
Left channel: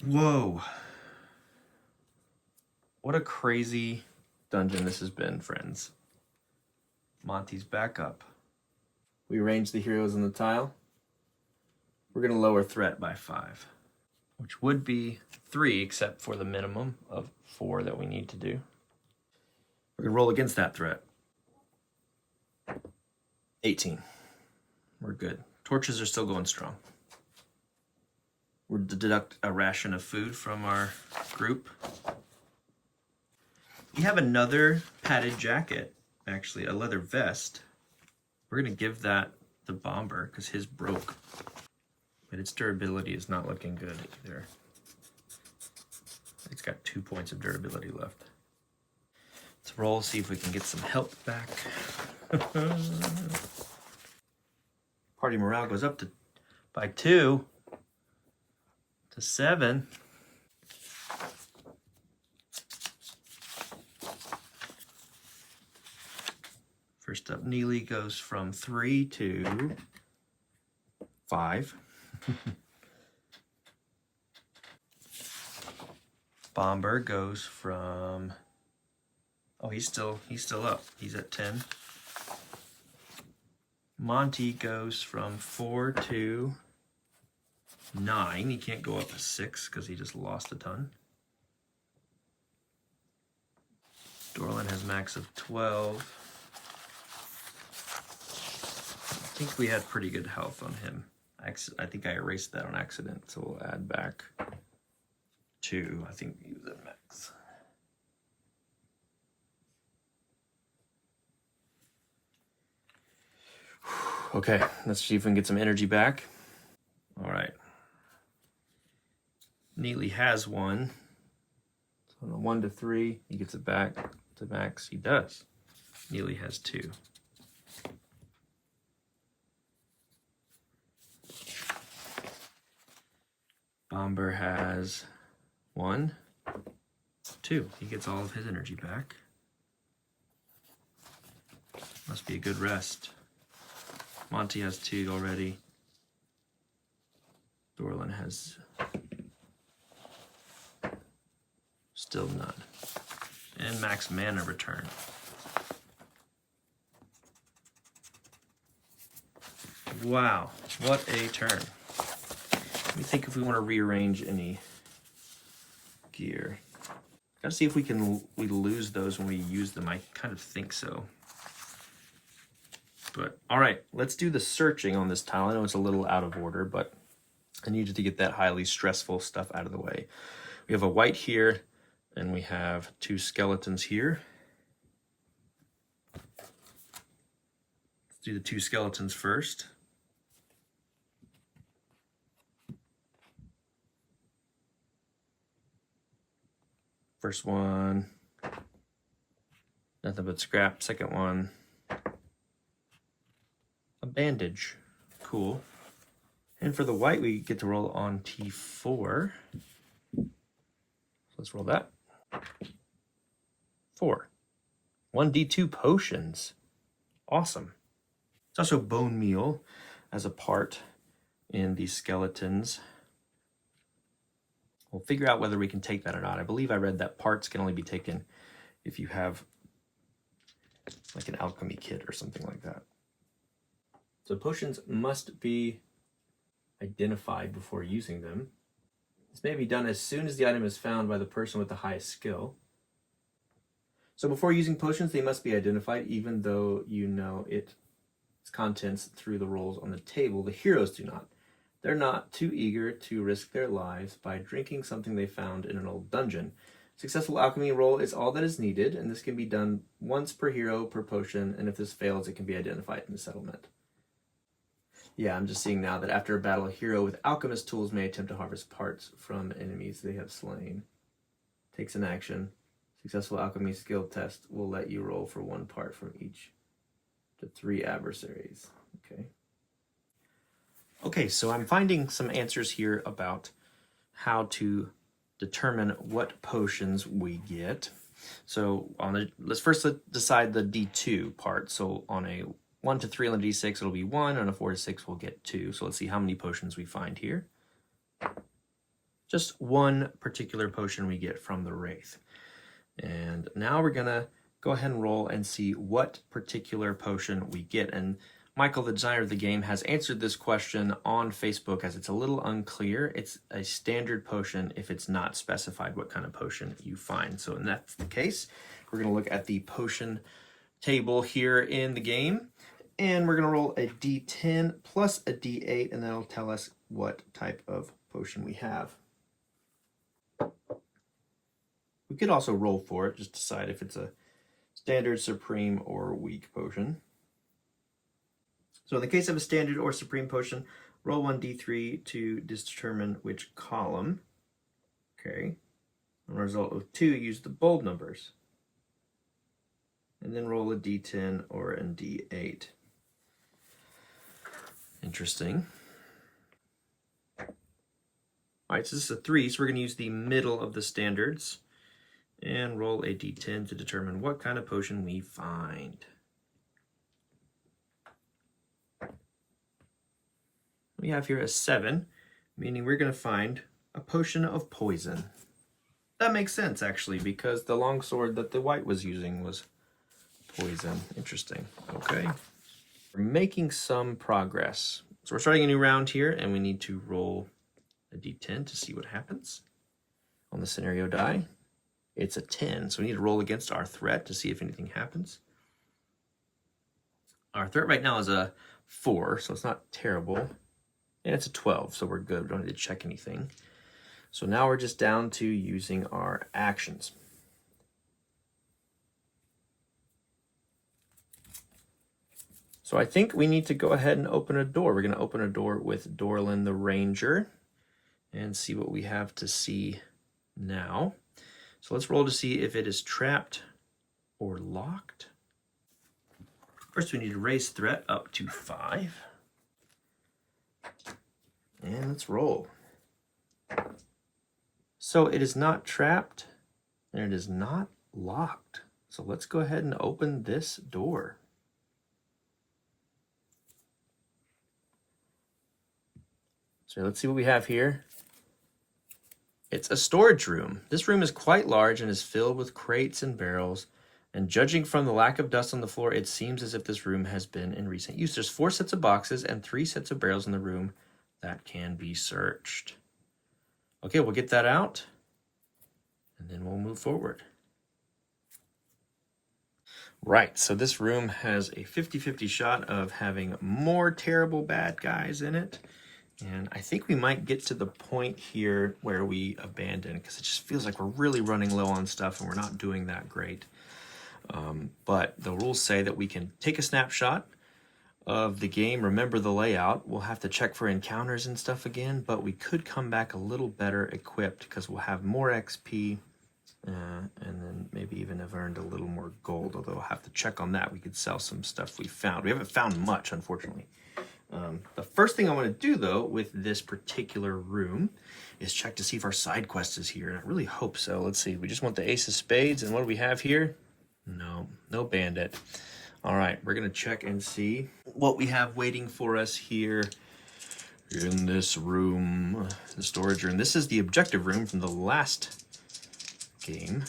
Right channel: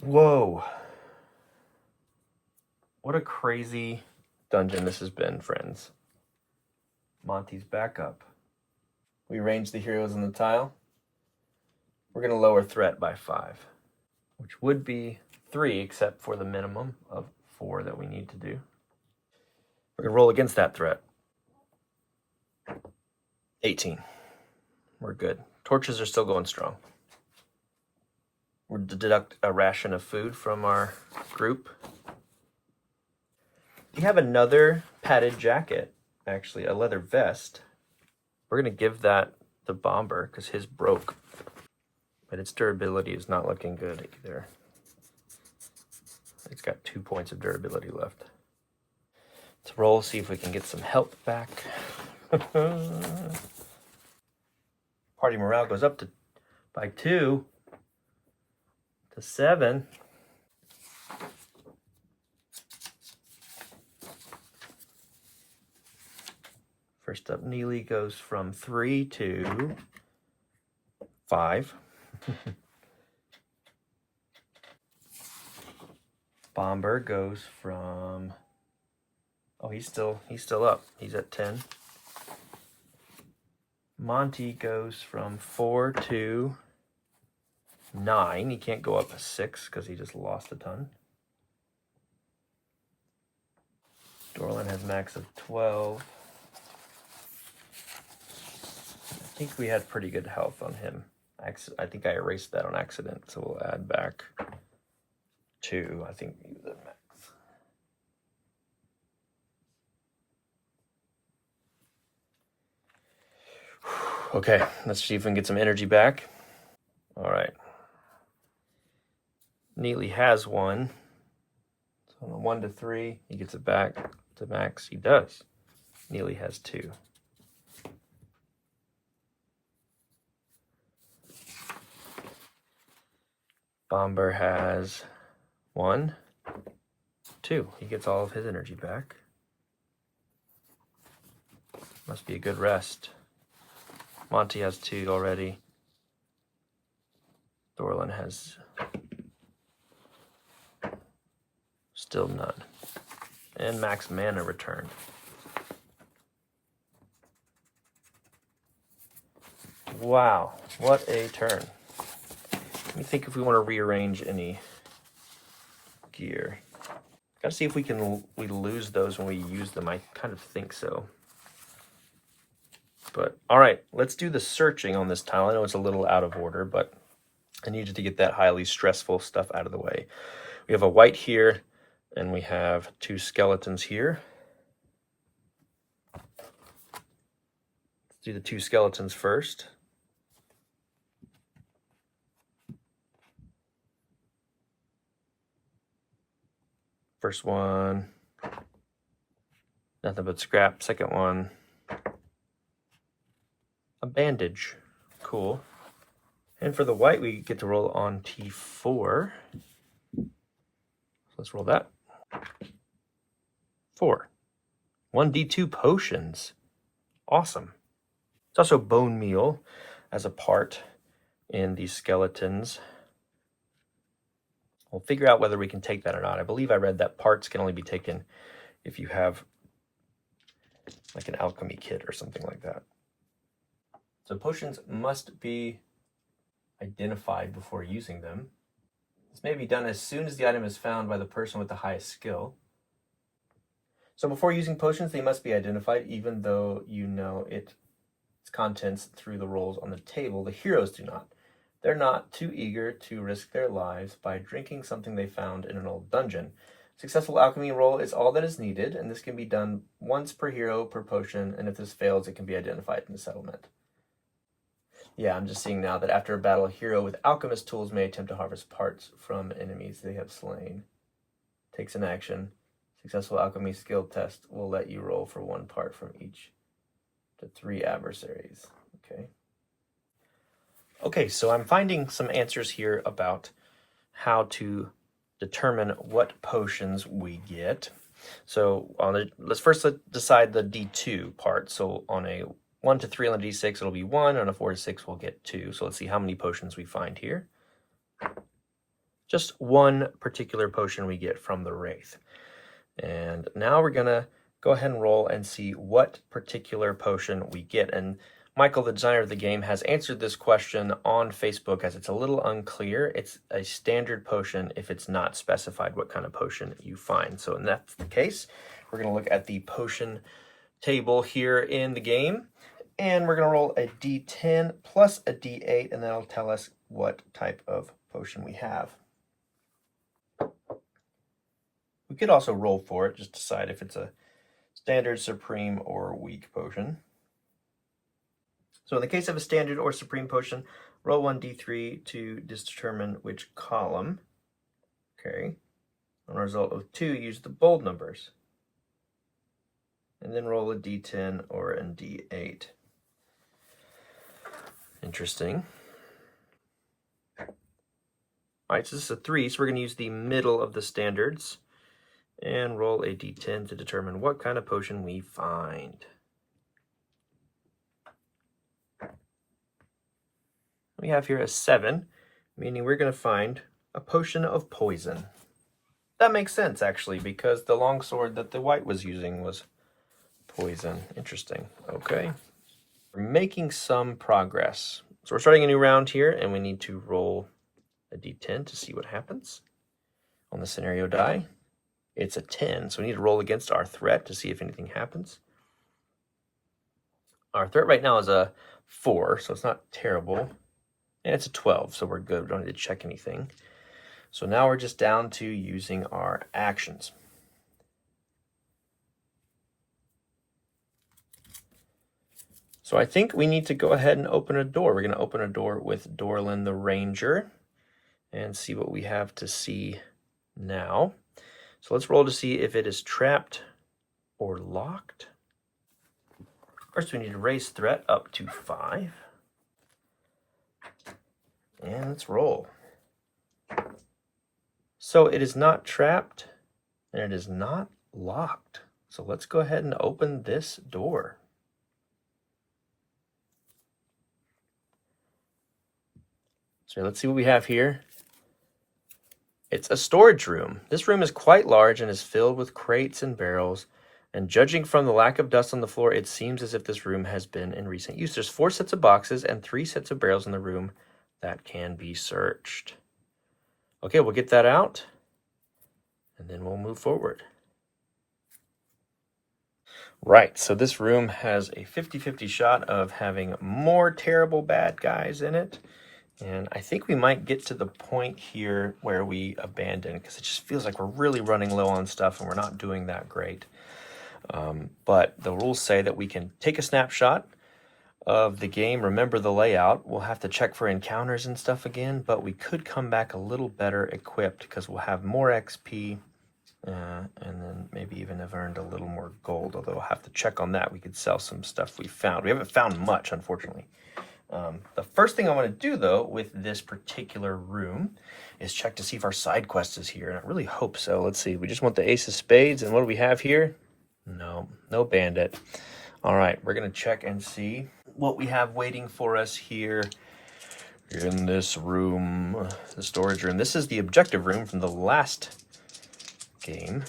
Whoa. What a crazy dungeon this has been, friends. Monty's back up. We arrange the heroes in the tile. We're going to lower threat by 5, which would be 3, except for the minimum of 4 that we need to do. We're going to roll against that threat. 18. We're good. Torches are still going strong. We're to deduct a ration of food from our group. We have another padded jacket, actually, a leather vest. We're going to give that the bomber because his broke. But its durability is not looking good either. It's got 2 points of durability left. Let's roll, see if we can get some help back. Party morale goes up by 2 to 7. First up, Neely goes from 3 to 5. Bomber goes from, oh, he's still up. He's at 10. Monty goes from 4 to 9. He can't go up to 6 because he just lost a ton. Dorlan has max of 12. I think we had pretty good health on him. I think I erased that on accident, so we'll add back 2. I think he was at max. Okay, let's see if we can get some energy back. All right. Neely has 1. So on a 1 to 3, he gets it back to max. He does. Neely has 2. Bomber has 1, 2. He gets all of his energy back. Must be a good rest. Monty has 2 already. Dorlan has still none. And max mana return. Wow, what a turn. Let me think if we want to rearrange any gear. Gotta see if we lose those when we use them. I kind of think so. But all right, let's do the searching on this tile. I know it's a little out of order, but I needed to get that highly stressful stuff out of the way. We have a Wight here, and we have 2 skeletons here. Let's do the 2 skeletons first. First one, nothing but scrap. Second one, bandage. Cool. And for the white, we get to roll on T4. So let's roll that. 4. 1d2 potions. Awesome. It's also bone meal as a part in these skeletons. We'll figure out whether we can take that or not. I believe I read that parts can only be taken if you have like an alchemy kit or something like that. So potions must be identified before using them. This may be done as soon as the item is found by the person with the highest skill. So before using potions, they must be identified, even though you know its contents through the rolls on the table. The heroes do not. They're not too eager to risk their lives by drinking something they found in an old dungeon. Successful alchemy roll is all that is needed, and this can be done once per hero per potion, and if this fails, it can be identified in the settlement. Yeah, I'm just seeing now that after a battle, a hero with alchemist tools may attempt to harvest parts from enemies they have slain. Takes an action. Successful alchemy skill test will let you roll for 1 part from each to 3 adversaries. Okay, so I'm finding some answers here about how to determine what potions we get. So let's first decide the D2 part. So on a 1 to 3 on the D6, it'll be 1. On a 4 to 6, we'll get 2. So let's see how many potions we find here. Just 1 particular potion we get from the Wraith. And now we're gonna go ahead and roll and see what particular potion we get. And Michael, the designer of the game, has answered this question on Facebook as it's a little unclear. It's a standard potion if it's not specified what kind of potion you find. So in that's the case, we're gonna look at the potion table here in the game, and we're gonna roll a D10 plus a D8, and that'll tell us what type of potion we have. We could also roll for it, just decide if it's a standard, supreme, or weak potion. So in the case of a standard or supreme potion, roll 1d3 to determine which column. Okay. On a result of 2, use the bold numbers. And then roll a d10 or a d8. Interesting. All right, so this is a 3, so we're going to use the middle of the standards and roll a d10 to determine what kind of potion we find. We have here a 7, meaning we're going to find a potion of poison. That makes sense, actually, because the longsword that the Wight was using was poison. Interesting. Okay. We're making some progress. So we're starting a new round here, and we need to roll a d10 to see what happens. On the scenario die, it's a 10, so we need to roll against our threat to see if anything happens. Our threat right now is a 4, so it's not terrible. And it's a 12, so we're good. We don't need to check anything. So now we're just down to using our actions. So I think we need to go ahead and open a door. We're going to open a door with Dorlin the Ranger and see what we have to see now. So let's roll to see if it is trapped or locked. First, we need to raise threat up to 5. And let's roll. So it is not trapped and it is not locked. So let's go ahead and open this door. So let's see what we have here. It's a storage room. This room is quite large and is filled with crates and barrels. And judging from the lack of dust on the floor, it seems as if this room has been in recent use. There's 4 sets of boxes and 3 sets of barrels in the room that can be searched. Okay, we'll get that out, and then we'll move forward. Right, so this room has a 50-50 shot of having more terrible bad guys in it, and I think we might get to the point here where we abandon, because it just feels like we're really running low on stuff and we're not doing that great. But the rules say that we can take a snapshot of the game, remember the layout. We'll have to check for encounters and stuff again, but we could come back a little better equipped because we'll have more XP and then maybe even have earned a little more gold, although have to check on that. We could sell some stuff we found. We haven't found much, unfortunately. The first thing I want to do, though, with this particular room is check to see if our side quest is here, and I really hope so. Let's see. We just want the Ace of Spades, and what do we have here? No bandit. All right, we're going to check and see what we have waiting for us here in this room, the storage room. This is the objective room from the last game.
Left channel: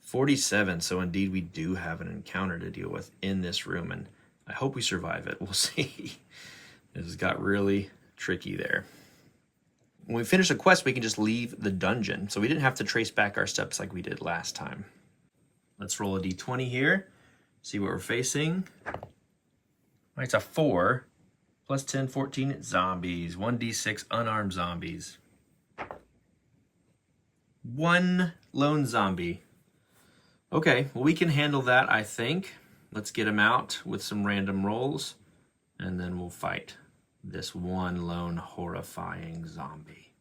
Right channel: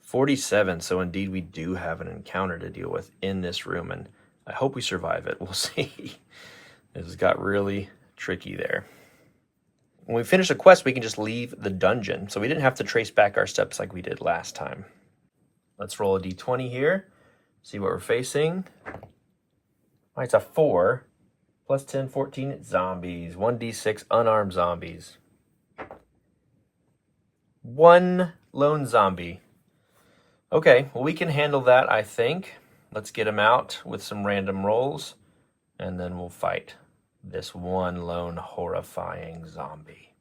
47, so indeed we do have an encounter to deal with in this room, and I hope we survive it. We'll see. This got really tricky there. When we finish a quest, we can just leave the dungeon, so we didn't have to trace back our steps like we did last time. Let's roll a d20 here, see what we're facing. All right, it's a 4, plus 10, 14, zombies. 1d6 unarmed zombies. 1 lone zombie. Okay, well, we can handle that, I think. Let's get him out with some random rolls, and then we'll fight this one lone horrifying zombie.